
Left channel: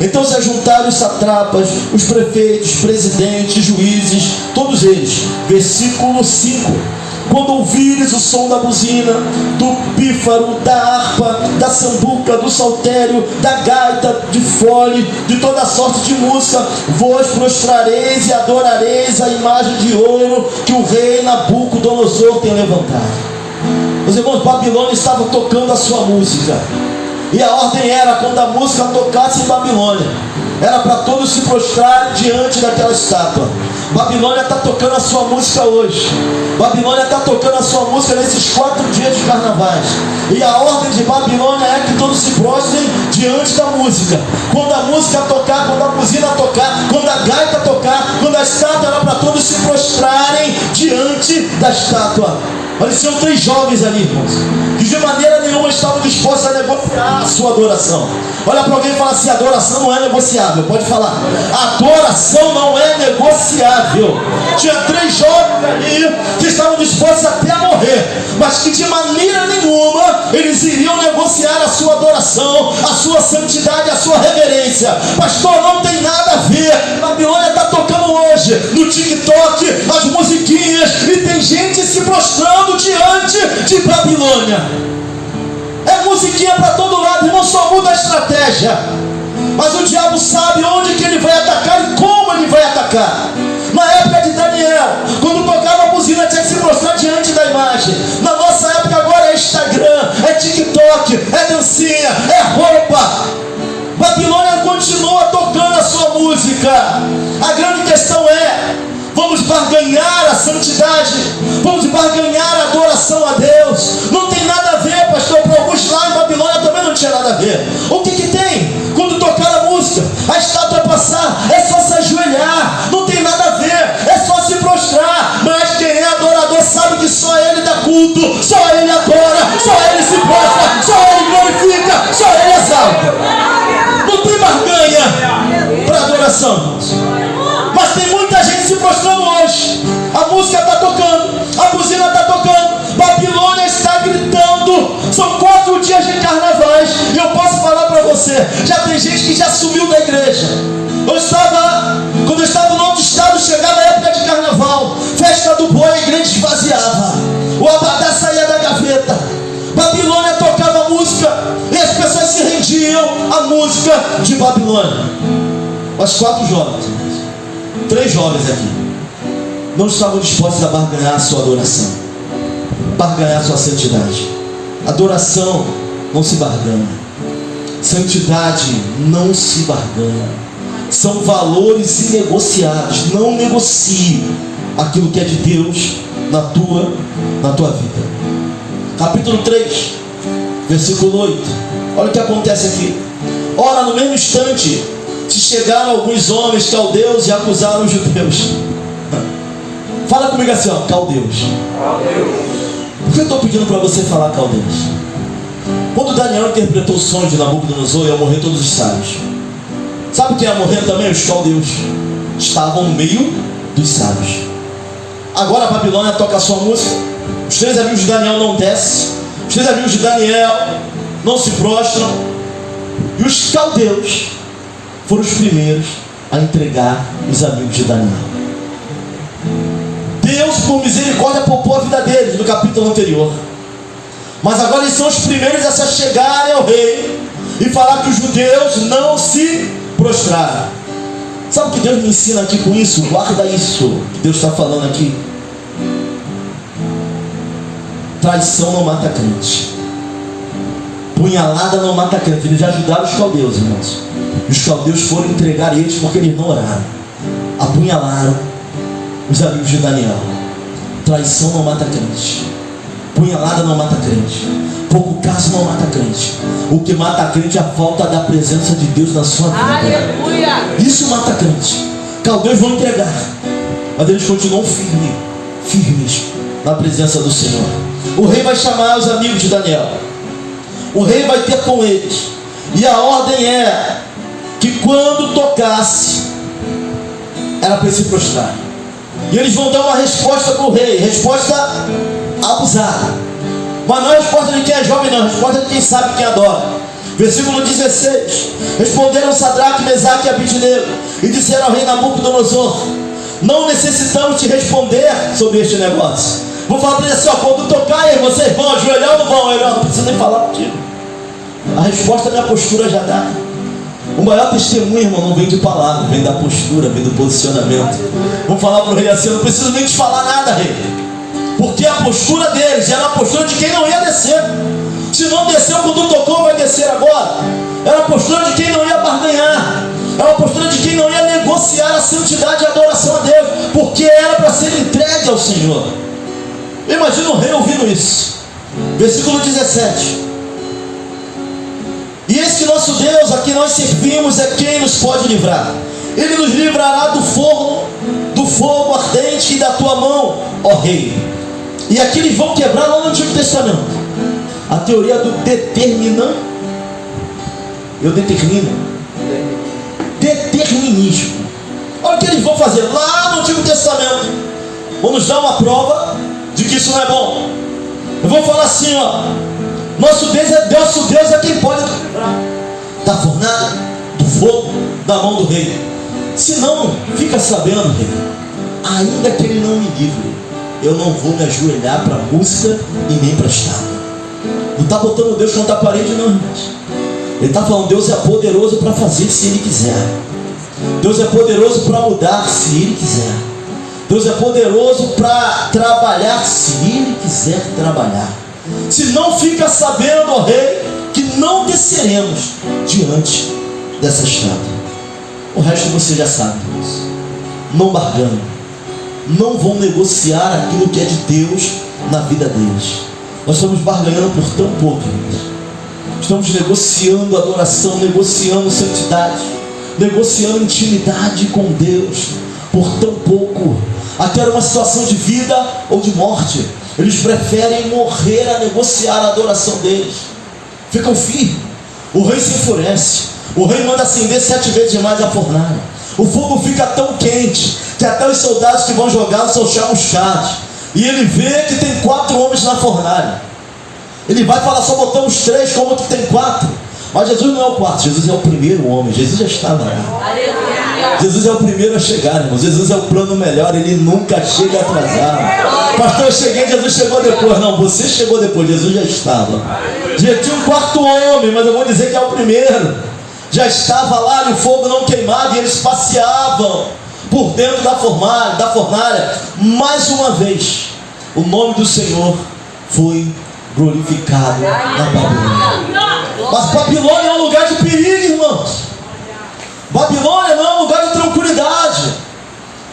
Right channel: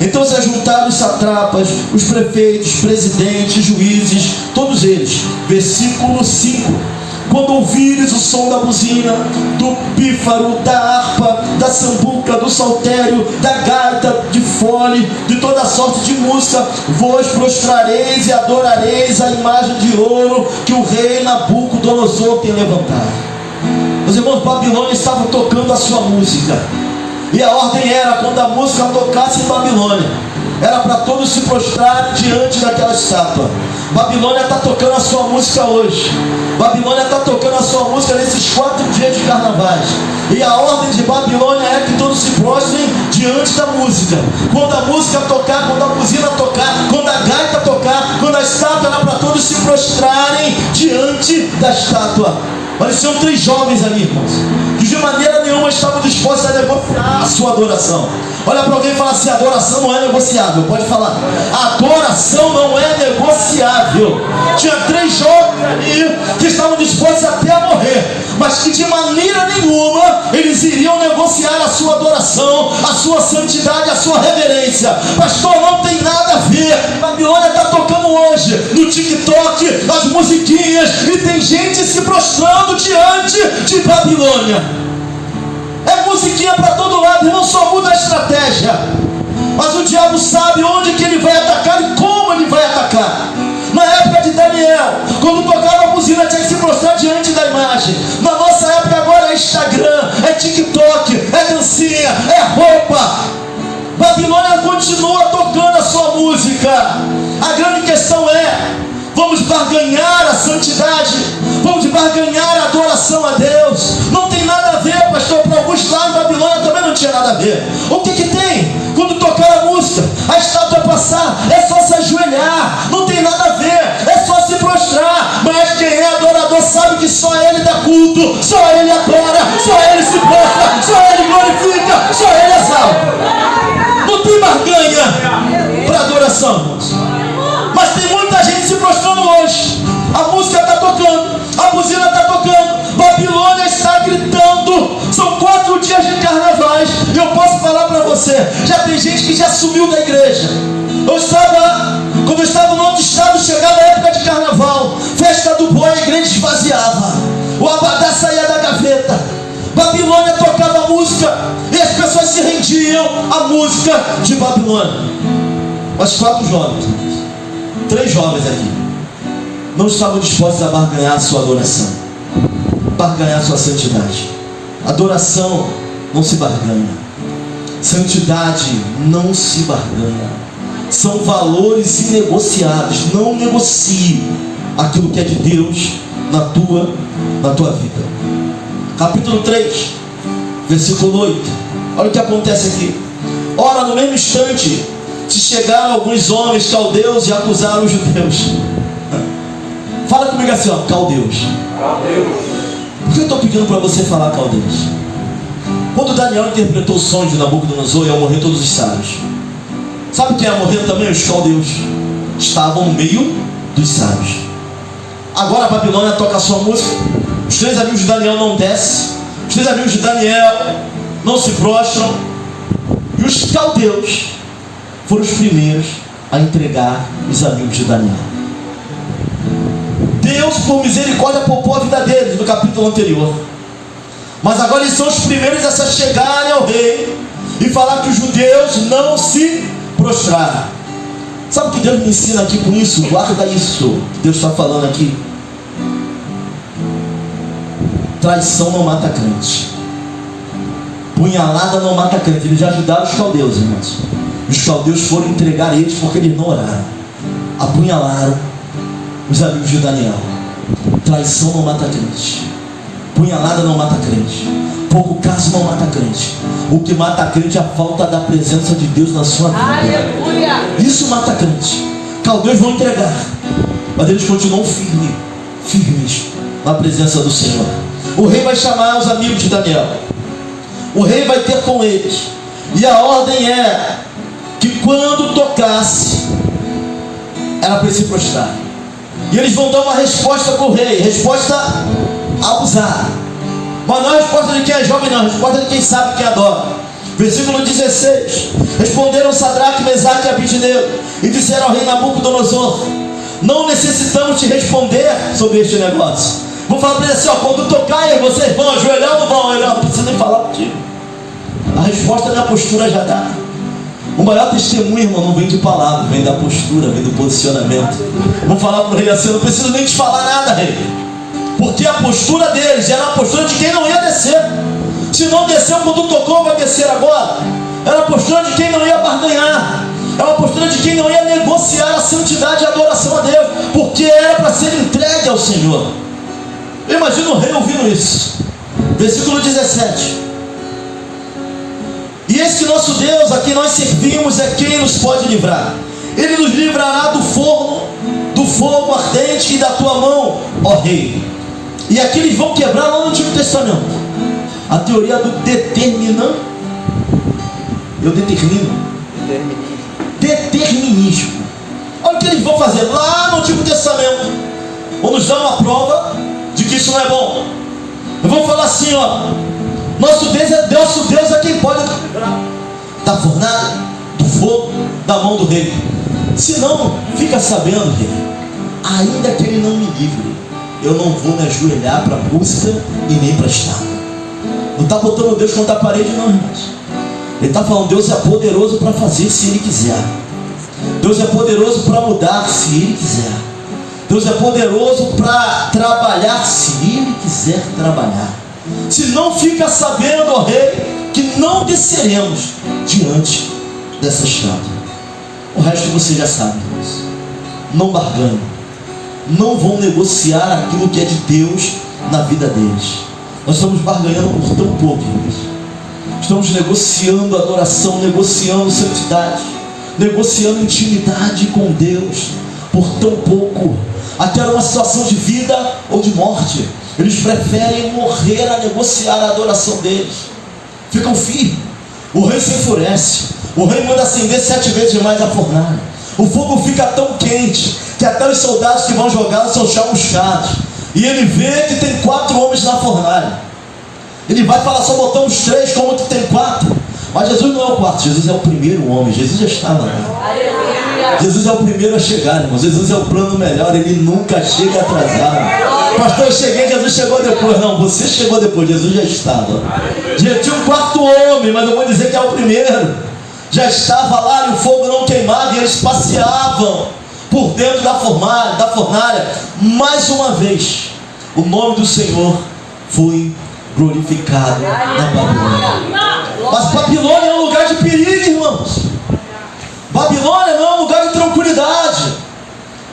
Então se ajuntaram os satrapas, os prefeitos, presidentes, juízes, todos eles. Versículo 5. Quando ouvires o som da buzina, do pífaro, da harpa, da sambuca, do saltério, da gaita, de fole, de toda sorte de música, vos prostrareis e adorareis a imagem de ouro que o rei Nabucodonosor tem levantado. Os irmãos, Babilônia estava tocando a sua música. E a ordem era, quando a música tocasse em Babilônia, era para todos se prostrarem diante daquela estátua. Babilônia está tocando a sua música hoje. Babilônia está tocando a sua música nesses 4 dias de carnavais. E a ordem de Babilônia é que todos se prostrem diante da música. Quando a música tocar, quando a buzina tocar, quando a gaita tocar, quando a estátua, era para todos se prostrarem diante da estátua. Pareciam 3 jovens ali, irmãos, que de maneira nenhuma estavam dispostos a negociar a sua adoração. Olha para alguém e fala assim: adoração não é negociável. Pode falar, adoração não é negociável. Tinha 3 jovens ali que estavam dispostos até a morrer, mas que de maneira nenhuma eles iriam negociar a sua adoração, a sua santidade, a sua reverência. Pastor, não tem nada a ver. Babilônia está tocando hoje no TikTok as musiquinhas, e tem gente se prostrando diante de Babilônia. É musiquinha para todo lado, irmão, só muda a estratégia. Mas o diabo sabe onde que ele vai atacar e como ele vai atacar. Na época de Daniel, quando tocava a buzina, tinha que se prostrar diante da imagem. Na nossa época agora é Instagram, é TikTok, é dancinha, é roupa. Babilônia continua tocando a sua música. A grande questão é: vamos barganhar a santidade, vamos barganhar a adoração a Deus. Não tem nada a ver, pastor. Para alguns lá em Babilônia também não tinha nada a ver. O que tem? Quando tocar a música, a estátua passar, é só se ajoelhar. Não tem nada a ver, é só se prostrar. Mas quem é adorador sabe que só ele dá culto, só ele adora, só ele se prostra, só ele glorifica, só ele exalta. Não tem barganha para adoração, irmãos. Mas tem muita gente se prostrando hoje. A música está tocando, a buzina está tocando, Babilônia está gritando. São 4 dias de carnavais. E eu posso falar para você, já tem gente que já sumiu da igreja. Quando eu estava no outro estado, chegava a época de carnaval, festa do boi, a igreja esvaziava, o abadá saía da gaveta. Babilônia tocava música e as pessoas se rendiam à música de Babilônia. Mas 4 jovens, 3 jovens aqui, não estavam dispostos a barganhar a sua adoração, barganhar a sua santidade. Adoração não se barganha, santidade não se barganha. São valores inegociáveis. Não negocie aquilo que é de Deus na tua vida. Capítulo 3, versículo 8. Olha o que acontece aqui. Ora, no mesmo instante se chegaram alguns homens caldeus e acusaram os judeus. Fala comigo assim, ó, caldeus. Por que eu estou pedindo para você falar caldeus? Quando Daniel interpretou o sonho de Nabucodonosor, iam morrer todos os sábios. Sabe quem ia morrer também? Os caldeus. Estavam no meio dos sábios. Agora a Babilônia toca a sua música, Os 3 amigos de Daniel não descem. Os 3 amigos de Daniel não se prostram. E os caldeus foram os primeiros a entregar os amigos de Daniel. Deus, por misericórdia, poupou a vida deles no capítulo anterior. Mas agora eles são os primeiros a se chegarem ao rei e falar que os judeus não se prostraram. Sabe o que Deus me ensina aqui com isso? Guarda isso que Deus está falando aqui. Traição não mata crente. Punhalada não mata crente. Eles já ajudaram os caldeus, irmãos. Os caldeus foram entregar eles porque eles não oraram. Apunhalaram os amigos de Daniel. Traição não mata crente. Punhalada não mata crente. Pouco caso não mata crente. O que mata crente é a falta da presença de Deus na sua vida. Aleluia. Isso mata crente. Caldeus vão entregar, mas eles continuam firmes na presença do Senhor. O rei vai chamar os amigos de Daniel. O rei vai ter com eles. E a ordem é que quando tocasse, era para se prostrar. E eles vão dar uma resposta para o rei. Resposta abusada. Mas não é a resposta de quem é jovem, não. É a resposta de quem sabe, quem adora. Versículo 16. Responderam Sadraque, Mesaque e Abednego e disseram ao rei Nabucodonosor: não necessitamos te responder sobre este negócio. Vou falar para ele assim, ó, quando tocar aí, vocês vão ajoelhar ou não vão? Ele não precisa nem falar contigo. A resposta não é a postura já dá. O maior testemunho, irmão, não vem de palavra, vem da postura, vem do posicionamento. Vamos falar para o rei assim: eu não preciso nem te falar nada, rei, porque a postura deles era a postura de quem não ia descer. Se não desceu quando tocou, vai descer agora. Era a postura de quem não ia barganhar. Era a postura de quem não ia negociar a santidade e a adoração a Deus, porque era para ser entregue ao Senhor. Imagina o rei ouvindo isso. Versículo 17. E esse nosso Deus a quem nós servimos é quem nos pode livrar. Ele nos livrará do fogo ardente e da tua mão, ó rei. E aqui eles vão quebrar lá no Antigo Testamento a teoria do determinismo. Olha o que eles vão fazer lá no Antigo Testamento. Vão nos dar uma prova de que isso não é bom. Eu vou falar assim, ó: nosso Deus é quem pode livrar da fornalha, do fogo, da mão do rei. Se não, fica sabendo, rei, ainda que ele não me livre, eu não vou me ajoelhar para música e nem para estátua. Não está botando Deus contra a parede, não, irmãos. Ele está falando: Deus é poderoso para fazer se Ele quiser. Deus é poderoso para mudar se Ele quiser. Deus é poderoso para trabalhar se Ele quiser trabalhar. Se não, fica sabendo, ó rei, que não desceremos diante dessa estátua. O resto você já sabe, irmãos. Não barganham. Não vão negociar aquilo que é de Deus na vida deles. Nós estamos barganhando por tão pouco, irmãos. Estamos negociando adoração, negociando santidade, negociando intimidade com Deus por tão pouco. Até uma situação de vida ou de morte, eles preferem morrer a negociar a adoração deles. Ficam firmes. O rei se enfurece. O rei manda acender 7 vezes mais a fornalha. O fogo fica tão quente que até os soldados que vão jogar são chamuscados. E ele vê que tem 4 homens na fornalha. Ele vai falar: só botamos 3, como que tem 4? Mas Jesus não é o 4, Jesus é o primeiro homem. Jesus já estava lá. Jesus é o primeiro a chegar, irmão. Jesus é o plano melhor, ele nunca chega atrasado. Pastor, eu cheguei, Jesus chegou depois. Não, você chegou depois, Jesus já estava. Já tinha um 4º homem, mas eu vou dizer que é o primeiro. Já estava lá e o fogo não queimava, e eles passeavam por dentro da fornalha. Mais uma vez, o nome do Senhor foi glorificado na Babilônia. Mas Babilônia é um lugar de perigo, irmãos. Babilônia não é um lugar de tranquilidade.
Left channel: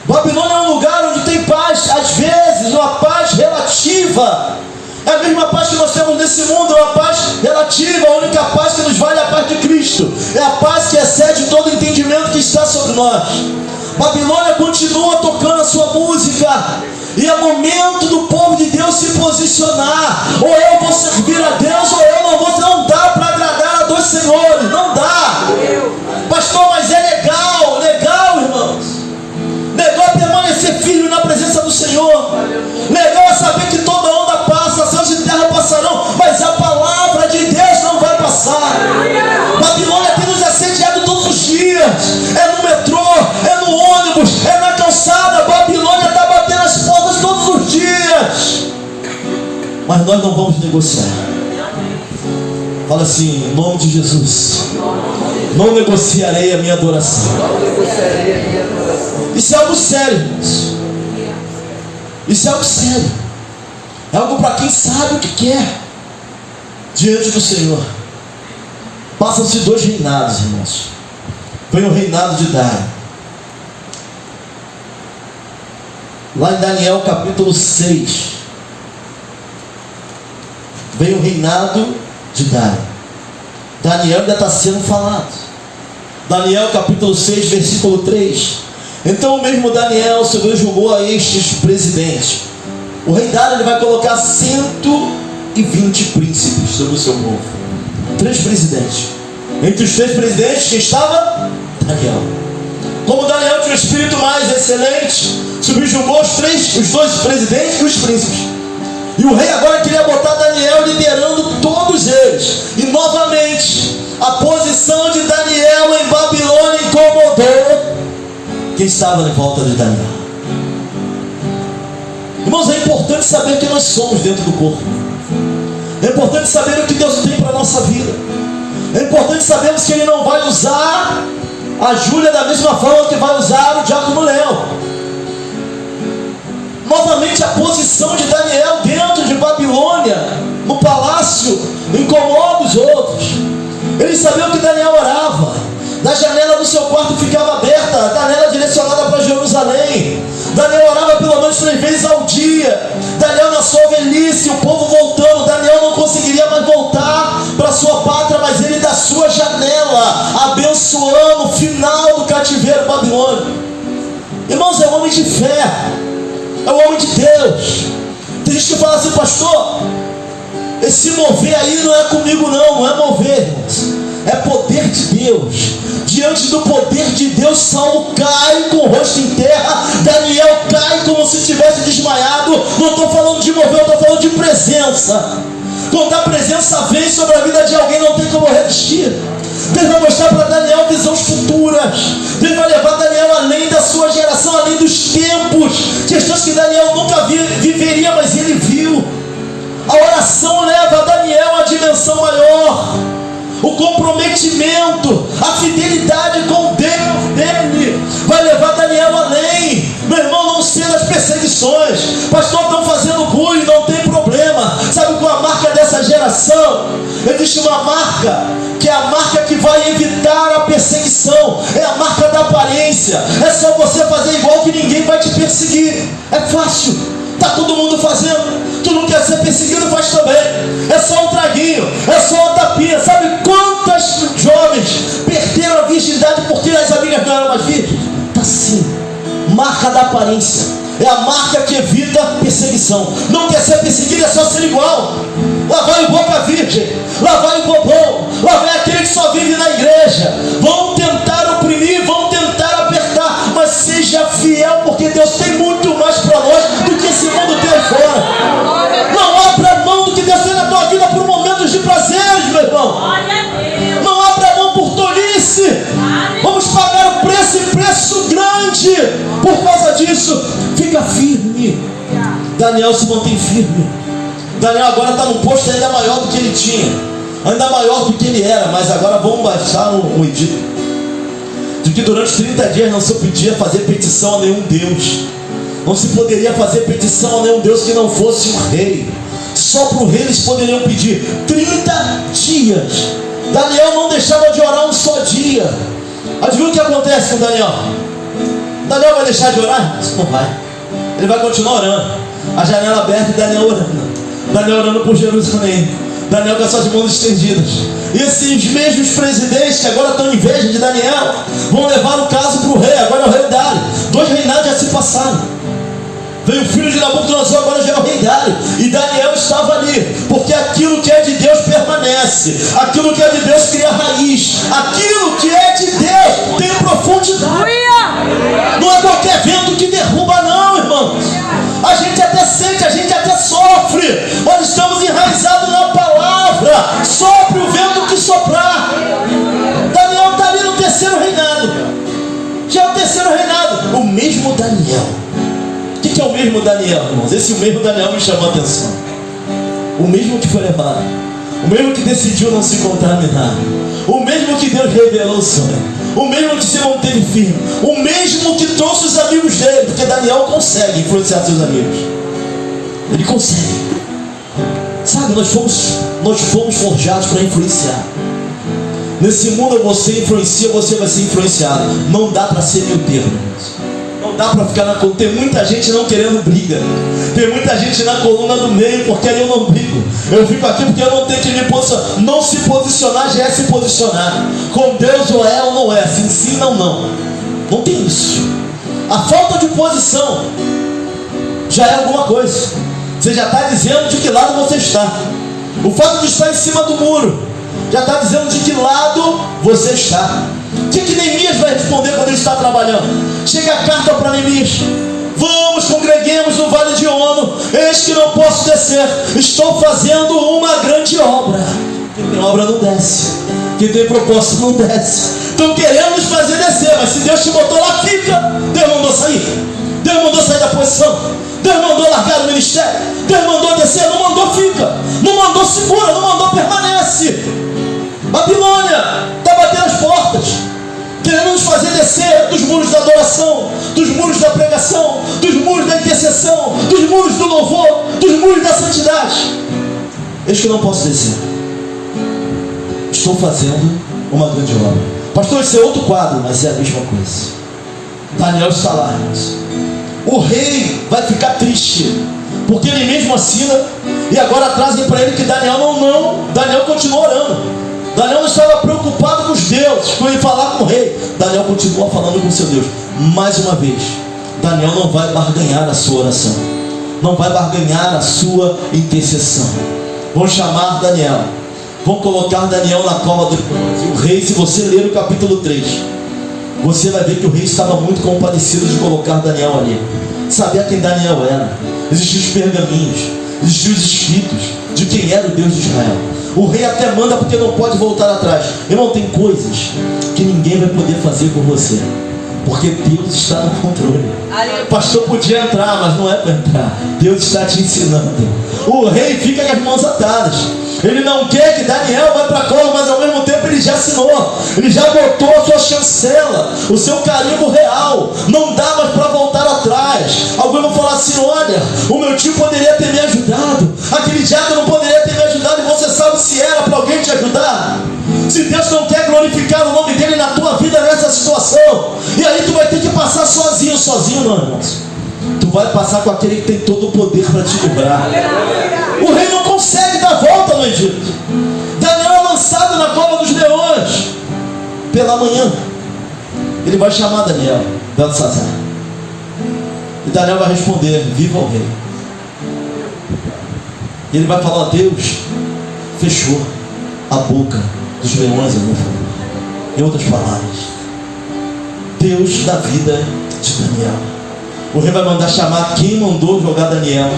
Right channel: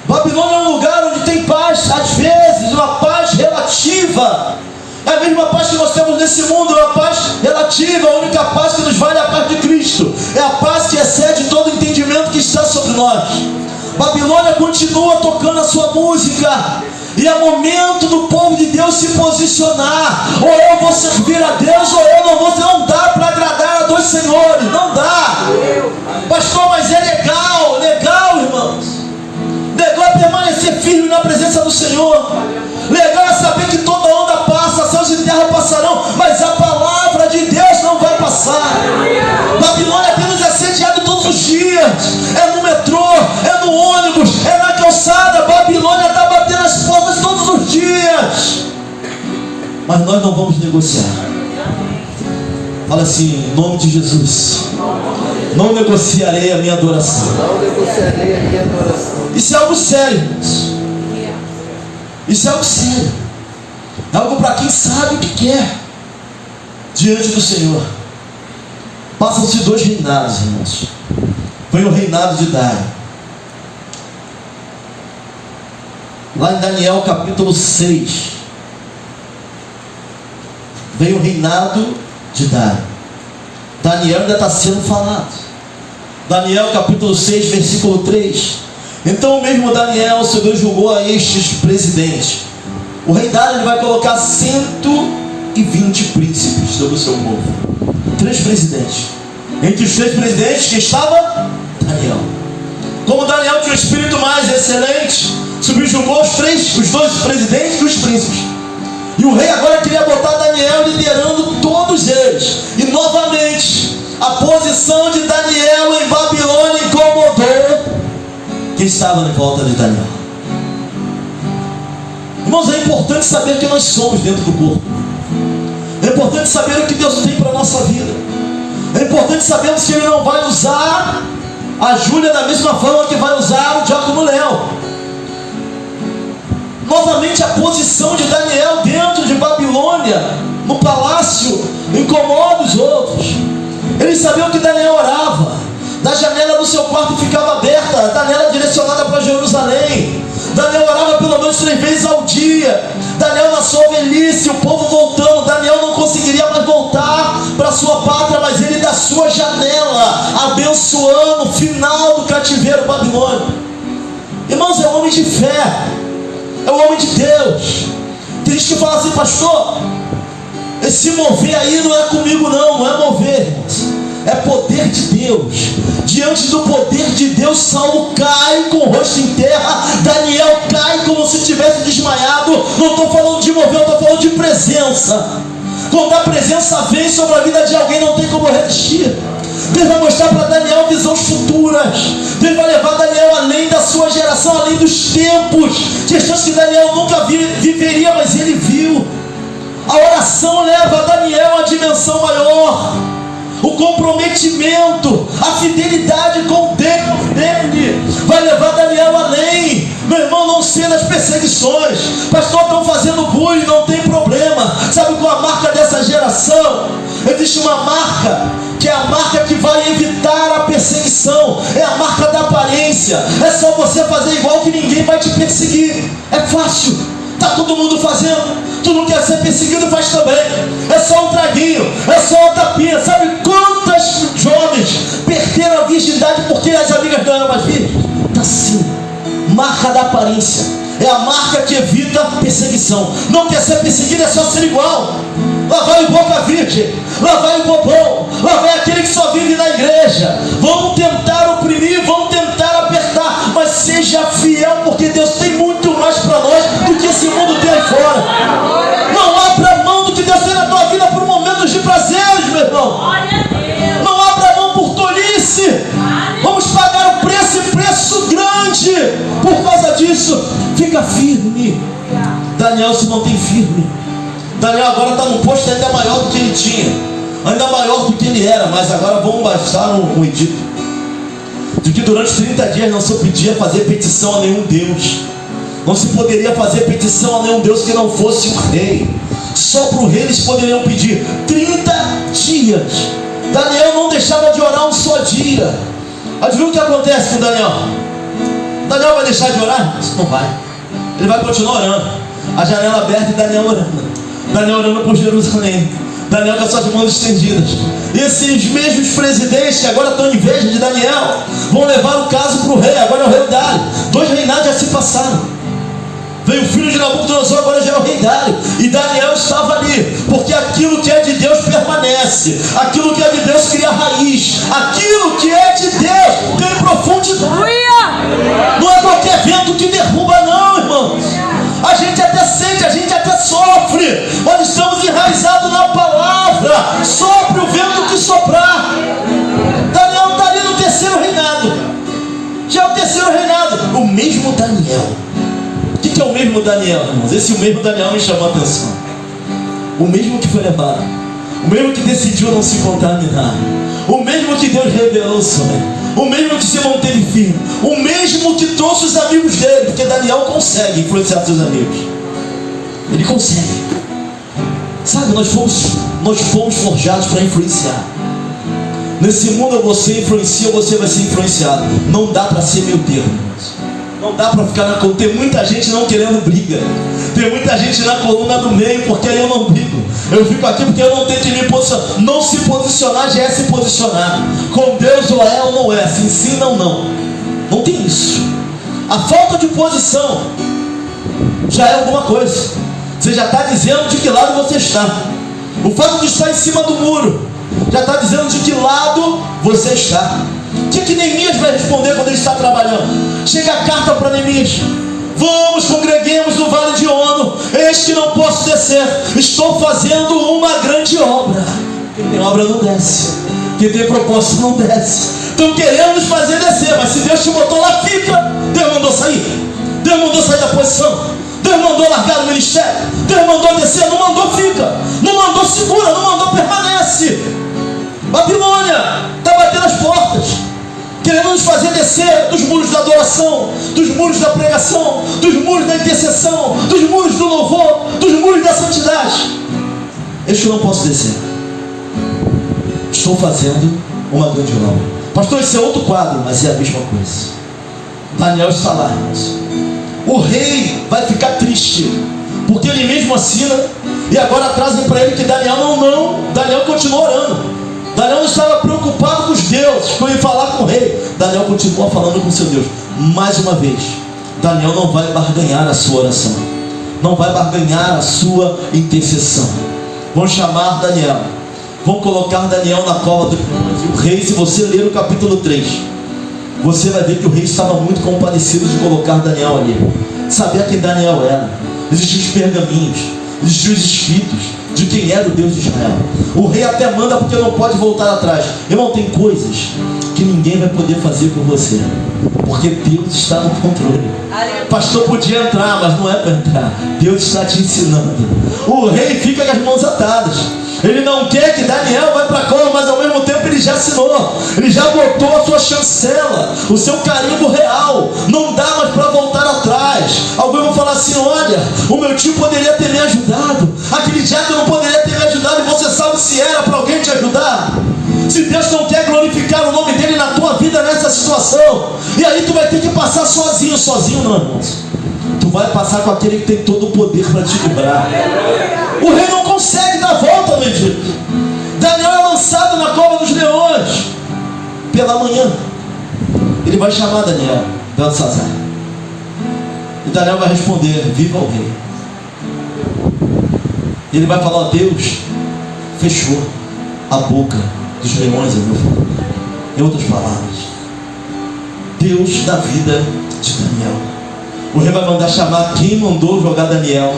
Babilônia é um lugar onde tem paz, às vezes uma paz relativa. É a mesma paz que nós temos nesse mundo, é uma paz relativa. A única paz que nos vale é a paz de Cristo. É a paz que excede todo o entendimento que está sobre nós. Babilônia continua tocando a sua música. E é momento do povo de Deus se posicionar. Ou eu vou servir a Deus, ou eu não vou. Não dá para agradar a 2 senhores. Não dá. Pastor, mas é legal, irmãos. Legal é permanecer firme na presença do Senhor. Legal é saber que toda onda nós não vamos negociar. Fala assim, em nome de Jesus, não negociarei a minha adoração. Isso é algo sério, irmãos. Isso é algo sério. É algo para quem sabe o que quer diante do Senhor. Passam-se 2 reinados, irmãos. Foi o reinado de Dário. Lá em Daniel capítulo 6, veio o reinado de Dário. Daniel ainda está sendo falado. Daniel capítulo 6, versículo 3. Então o mesmo Daniel julgou a estes presidentes. O rei Dário ele vai colocar 120 príncipes sobre o seu povo. 3 presidentes. Entre os 3 presidentes, quem estava? Daniel. Como Daniel tinha um espírito mais excelente, subjugou os 2 presidentes e os príncipes. E o rei agora queria botar Daniel liderando todos eles. E novamente, a posição de Daniel em Babilônia incomodou quem estava em volta de Daniel. Irmãos, é importante saber quem nós somos dentro do corpo. É importante saber o que Deus tem para a nossa vida. É importante sabermos que Ele não vai usar a Júlia da mesma forma que vai usar o Diácono Léo. Novamente a posição de Daniel dentro de Babilônia, no palácio, incomoda os outros. Eles sabiam que Daniel orava. Da janela do seu quarto ficava aberta, a janela direcionada para Jerusalém. Daniel orava pelo menos 3 vezes ao dia. Daniel na sua velhice, o povo voltando, Daniel não conseguiria mais voltar para sua pátria, mas ele da sua janela, abençoando o final do cativeiro babilônico. Irmãos, é um homem de fé, é um homem de Deus. Tem gente que fala assim, pastor, esse mover aí não é comigo não é mover, irmãos. É poder de Deus. Diante do poder de Deus, Saulo cai com o rosto em terra, Daniel cai como se tivesse desmaiado. Não estou falando de mover, eu estou falando de presença. Quando a presença vem sobre a vida de alguém, não tem como resistir. Deus vai mostrar para Daniel visões futuras. Deus vai levar Daniel além da sua geração, além dos tempos, questões que Daniel nunca viveria, mas ele viu. A oração leva Daniel a dimensão maior. O comprometimento, a fidelidade com Deus dele vai levar Daniel além. Meu irmão, não sei das perseguições. Pastor, estão fazendo bullying, não tem problema. Sabe qual é a marca dessa geração? Existe uma marca, que é a marca que vai evitar a perseguição. É a marca da aparência. É só você fazer igual que ninguém vai te perseguir. É fácil, está todo mundo fazendo. Tu não quer ser perseguido, faz também. É só um traguinho, é só uma tapinha. Sabe quantas jovens perderam a virgindade porque as amigas não eram mais virgens? Está assim, marca da aparência. É a marca que evita perseguição. Não quer ser perseguido, é só ser igual. Lá vai o boca virgem, lá vai o bobão, lá vai aquele que só vive na igreja. Vão tentar oprimir, vão tentar apertar, mas seja fiel, porque Deus tem muito mais para nós do que esse mundo tem aí fora. Não abra mão do que Deus tem na tua vida por momentos de prazeres, meu irmão. Não abra mão por tolice. Vamos pagar o preço, e preço grande por causa disso. Fica firme. Daniel se mantém firme. Daniel agora está num posto ainda maior do que ele tinha, ainda maior do que ele era, mas agora vamos baixar um edito de que durante 30 dias não se podia fazer petição a nenhum Deus. Não se poderia fazer petição a nenhum Deus que não fosse o rei. Só para o rei eles poderiam pedir 30 dias. Daniel não deixava de orar um só dia. Adivinha o que acontece com Daniel? Daniel vai deixar de orar? Não vai. Ele vai continuar orando. A janela aberta e Daniel orando. Daniel orando por Jerusalém. Daniel com as suas mãos estendidas. E esses mesmos presidentes que agora estão em inveja de Daniel vão levar o caso para o rei. Agora é o rei Dário. 2 reinados já se passaram. Veio o filho de Nabucodonosor, agora já é o rei Dário. E Daniel estava ali, porque aquilo que é de Deus permanece. Aquilo que é de Deus cria raiz. Aquilo que é de Deus tem profundidade. Não é qualquer vento que derruba não, irmãos. A gente até sente, a gente até sofre. Nós estamos enraizados na palavra. Sopre o vento que soprar. Daniel está ali no 3º reinado. Já é o 3º reinado. O mesmo Daniel. O que é o mesmo Daniel, irmãos? Esse mesmo Daniel me chamou a atenção. o mesmo que foi levado, o mesmo que decidiu não se contaminar, o mesmo que Deus revelou o sonho, o mesmo que se manteve firme, o mesmo que trouxe os amigos dele, porque Daniel consegue influenciar seus amigos. Ele consegue. Sabe, nós fomos forjados para influenciar. Nesse mundo você influencia, você vai ser influenciado. Não dá para ser meio termo. Não dá para ficar na coluna. Tem muita gente não querendo briga. Tem muita gente na coluna do meio, porque aí eu não brigo. Eu fico aqui porque eu não tenho que me posicionar. Não se posicionar já é se posicionar. Com Deus ou é ou não é. Se ensina ou não. Não tem isso. A falta de posição já é alguma coisa. Você já está dizendo de que lado você está. O fato de estar em cima do muro já está dizendo de que lado você está. O que Neemias vai responder quando ele está trabalhando? Chega a carta para Neemias: vamos, congreguemos no vale de Ono. Eis que não posso descer. Estou fazendo uma grande obra. Quem tem obra não desce. Quem tem propósito não desce. Estão querendo nos fazer descer, mas se Deus te botou lá, fica. Deus mandou sair. Deus mandou sair da posição. Deus mandou largar o ministério. Deus mandou descer, não mandou fica. Não mandou segura, não mandou permanece. Babilônia está batendo as portas, querendo nos fazer descer dos muros da adoração, dos muros da pregação, dos muros da intercessão, dos muros do louvor, dos muros da santidade. Eis que eu não posso descer. Estou fazendo uma grande obra. Pastor, esse é outro quadro, mas é a mesma coisa. Daniel está lá, irmãos. O rei vai ficar triste, porque ele mesmo assina, e agora trazem para ele que Daniel Daniel continua orando. Daniel não estava preocupado com os deuses, com ele falar com o rei. Daniel continua falando com seu Deus. Mais uma vez, Daniel não vai barganhar a sua oração, não vai barganhar a sua intercessão. Vão chamar Daniel, vão colocar Daniel na cova do leões. E o rei, se você ler o capítulo 3, você vai ver que o rei estava muito compadecido de colocar Daniel ali. Sabia quem Daniel era. Existiam os pergaminhos, existiam os escritos de quem era o Deus de Israel. O rei até manda porque não pode voltar atrás. Irmão, tem coisas que ninguém vai poder fazer por você, porque Deus está no controle. Pastor podia entrar, mas não é para entrar. Deus está te ensinando. O rei fica com as mãos atadas. Ele não quer que Daniel vá para a cova, mas ao mesmo tempo ele já assinou. Ele já botou a sua chancela, o seu carimbo real. Não dá mais para voltar atrás. Alguém vai falar assim: olha, o meu tio poderia ter me ajudado. Aquele diácono não poderia ter me ajudado. E você sabe se era para alguém te ajudar? Se Deus não quer glorificar o nome dele na tua vida nessa situação, e aí tu vai ter que passar sozinho, não, irmãos. Tu vai passar com aquele que tem todo o poder para te livrar. O rei não consegue dar volta no Egito. Daniel é lançado na cova dos leões. Pela manhã, ele vai chamar Daniel, Beltesazar. E Daniel vai responder: viva o rei. E ele vai falar: Deus fechou a boca dos leões ao meu favor. Em outras palavras, Deus da vida de Daniel. O rei vai mandar chamar quem mandou jogar Daniel.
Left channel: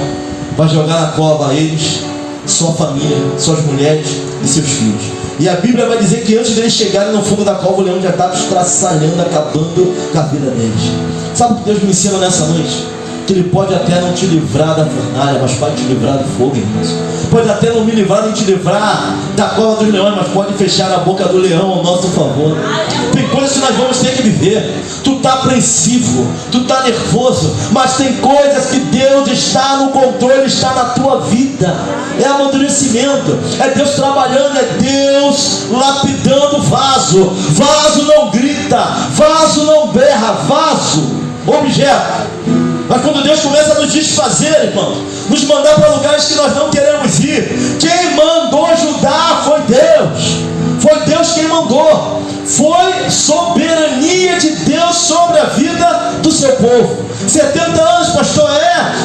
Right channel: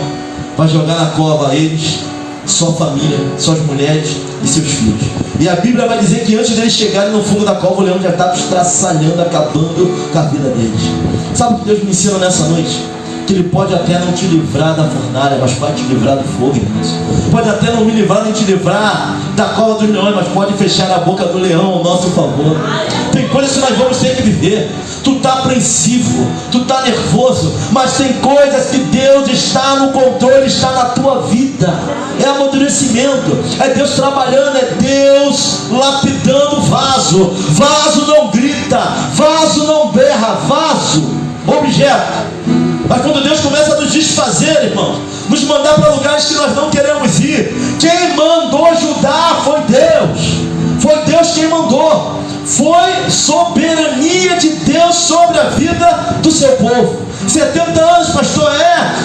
Vai jogar na cova eles, sua família, suas mulheres e seus filhos. E a Bíblia vai dizer que antes deles chegarem no fundo da cova, o leão já estava estraçalhando, acabando com a vida deles. Sabe o que Deus me ensina nessa noite? Que Ele pode até não te livrar da fornalha, mas pode te livrar do fogo, irmãos. Pode até não me livrar nem te livrar da cova dos leões, mas pode fechar a boca do leão ao nosso favor. Tem coisas que nós vamos ter que viver. Tu está apreensivo, tu está nervoso, mas tem coisas que Deus está no controle, está na tua vida. É amadurecimento, é Deus trabalhando, é Deus lapidando vaso. Vaso não grita, vaso não berra, vaso, objeto. Mas quando Deus começa a nos desfazer, irmãos, nos mandar para lugares que nós não queremos ir, quem mandou ajudar foi Deus. Foi Deus quem mandou. Foi soberania de Deus sobre a vida do seu povo. 70 anos, pastor,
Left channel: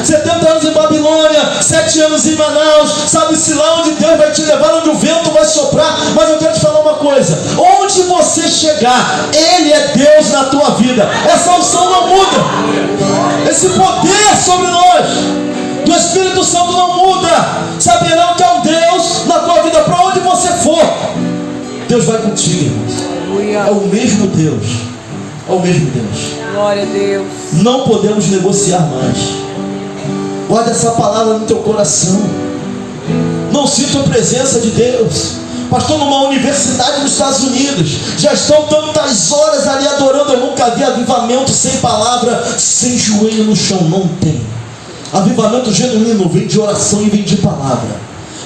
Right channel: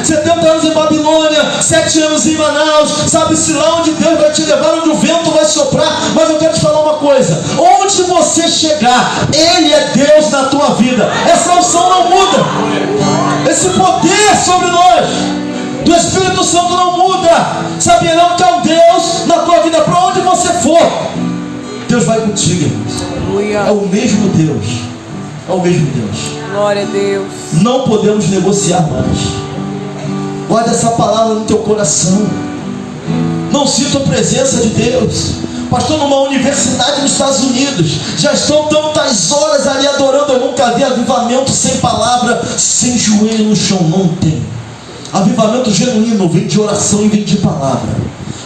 70 anos em Babilônia, 7 anos em Manaus. Sabe-se lá onde Deus vai te levar, onde o vento vai soprar. Mas eu quero te falar uma coisa: onde você chegar, Ele é Deus na tua vida. Essa unção não muda. Esse poder sobre nós do Espírito Santo não muda. Saberão que é um Deus na tua vida. Para onde você for, Deus vai contigo. É o mesmo Deus. É o mesmo Deus. Glória a Deus. Não podemos negociar mais. Guarda essa palavra no teu coração. não sinto a presença de Deus. Pastor, numa universidade nos Estados Unidos, já estão tantas horas ali adorando, eu nunca vi avivamento sem palavra, sem joelho no chão, não tem. Avivamento genuíno vem de oração e vem de palavra.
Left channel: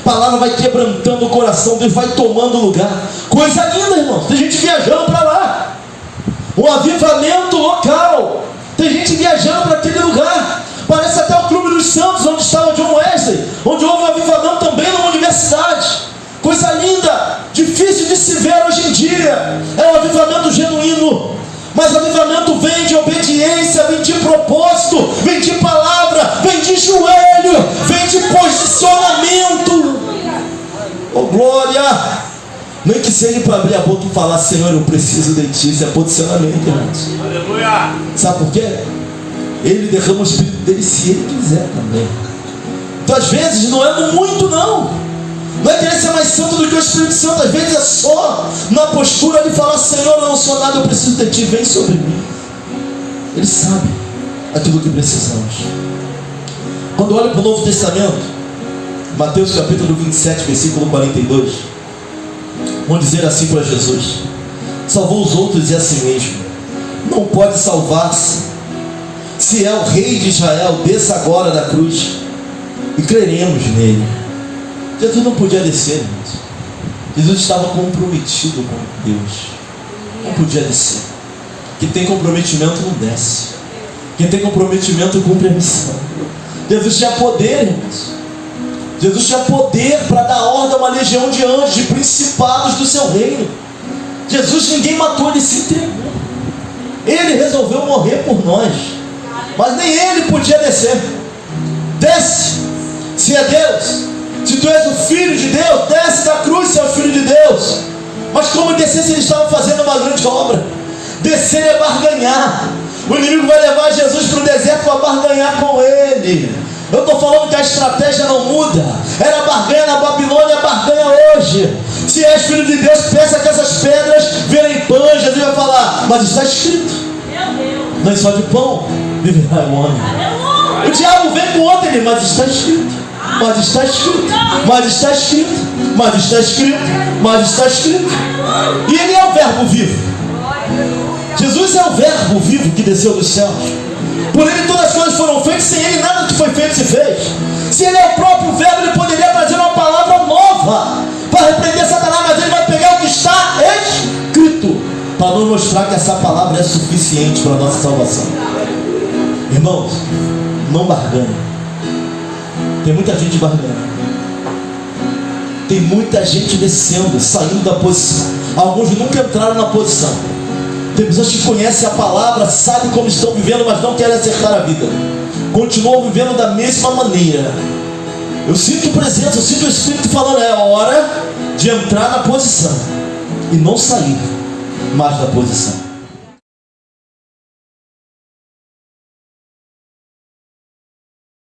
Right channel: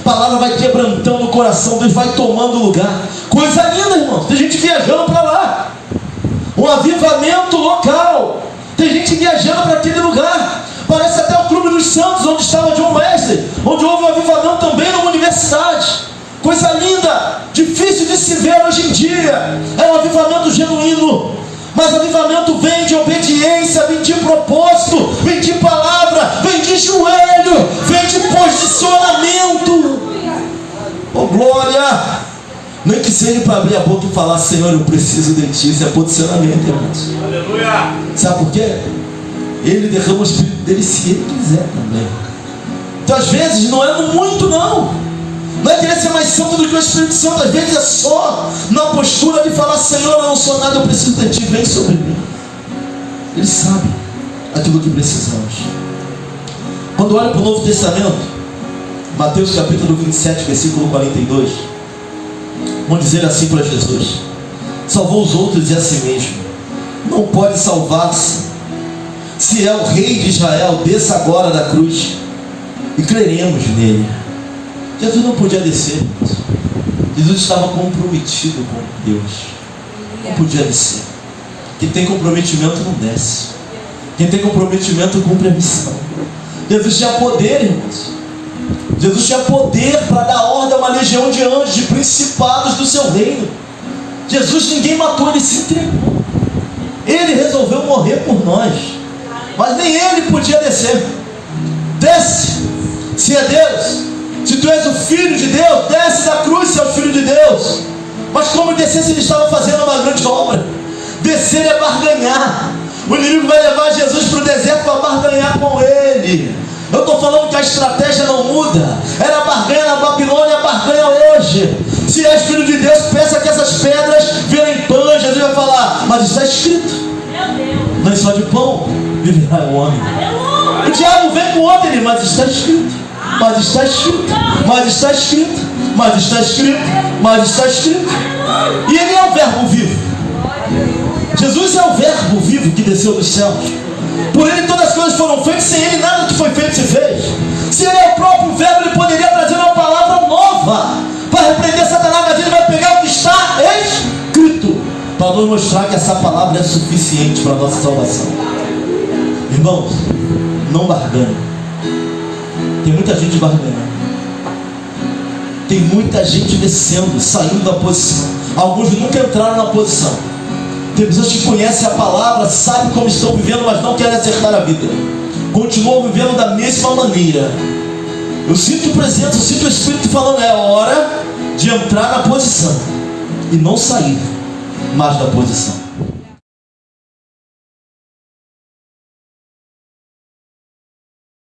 Palavra vai quebrantando o coração, Deus vai tomando lugar. Coisa linda, irmãos, tem gente viajando para lá. Um avivamento local, tem gente viajando para aquele lugar. Parece até o Clube dos Santos, onde estava John Wesley, onde houve um avivamento também numa universidade. Coisa linda, difícil de se ver hoje em dia. É um avivamento genuíno. Mas avivamento vem de obediência, vem de propósito, vem de palavra, vem de joelho, vem de posicionamento. Oh glória! Nem que seja para abrir a boca e falar: Senhor, eu preciso de ti. Isso é posicionamento, irmãos. Aleluia! Sabe por quê? Ele derrama o Espírito dele se ele quiser também. Então às vezes não é no muito não. Não é querer ser mais santo do que o Espírito Santo. Às vezes é só na postura de falar: Senhor, eu não sou nada, eu preciso de ti, vem sobre mim. Ele sabe aquilo que precisamos. Quando olha para o Novo Testamento, Mateus capítulo 27, versículo 42, vão dizer assim para Jesus: salvou os outros e a si mesmo não pode salvar-se. Se é o rei de Israel, desça agora da cruz e creremos nele. Jesus não podia descer, irmãos. Jesus estava comprometido com Deus. Não podia descer. Quem tem comprometimento não desce. Quem tem comprometimento cumpre a missão. Jesus tinha poder, irmãos. Jesus tinha poder para dar ordem a uma legião de anjos, de principados do seu reino. Jesus, ninguém matou, ele se entregou. Ele resolveu morrer por nós. Mas nem ele podia descer. Desce. Se é Deus, se tu és o Filho de Deus, desce da cruz, se é o Filho de Deus. Mas como descer se ele estava fazendo uma grande obra? Descer é barganhar. O inimigo vai levar Jesus para o deserto para barganhar com ele. Eu estou falando que a estratégia não muda. Era barganha na Babilônia, barganha hoje. Se és Filho de Deus, peça que essas pedras virem pães. Jesus vai falar: mas está escrito, não é só de pão viverá o homem. O diabo vem com outra, ele: mas está escrito, mas está escrito, mas está escrito, mas está escrito, mas está escrito. E ele é o verbo vivo. Jesus é o verbo vivo que desceu dos céus. Por ele todas as coisas foram feitas, sem ele nada que foi feito se fez. Se ele é o próprio verbo, ele poderia trazer uma palavra nova para repreender Satanás, mas ele vai pegar o que está escrito para nos mostrar que essa palavra é suficiente para a nossa salvação. Irmãos, não barganhe. Tem muita gente barganhando. Tem muita gente descendo, saindo da posição. Alguns nunca entraram na posição. Tem pessoas que conhecem a palavra, sabem como estão vivendo, mas não querem acertar a vida. Continuam vivendo da mesma maneira. Eu sinto presença, eu sinto o Espírito falando: é hora de entrar na posição e não sair mais da posição.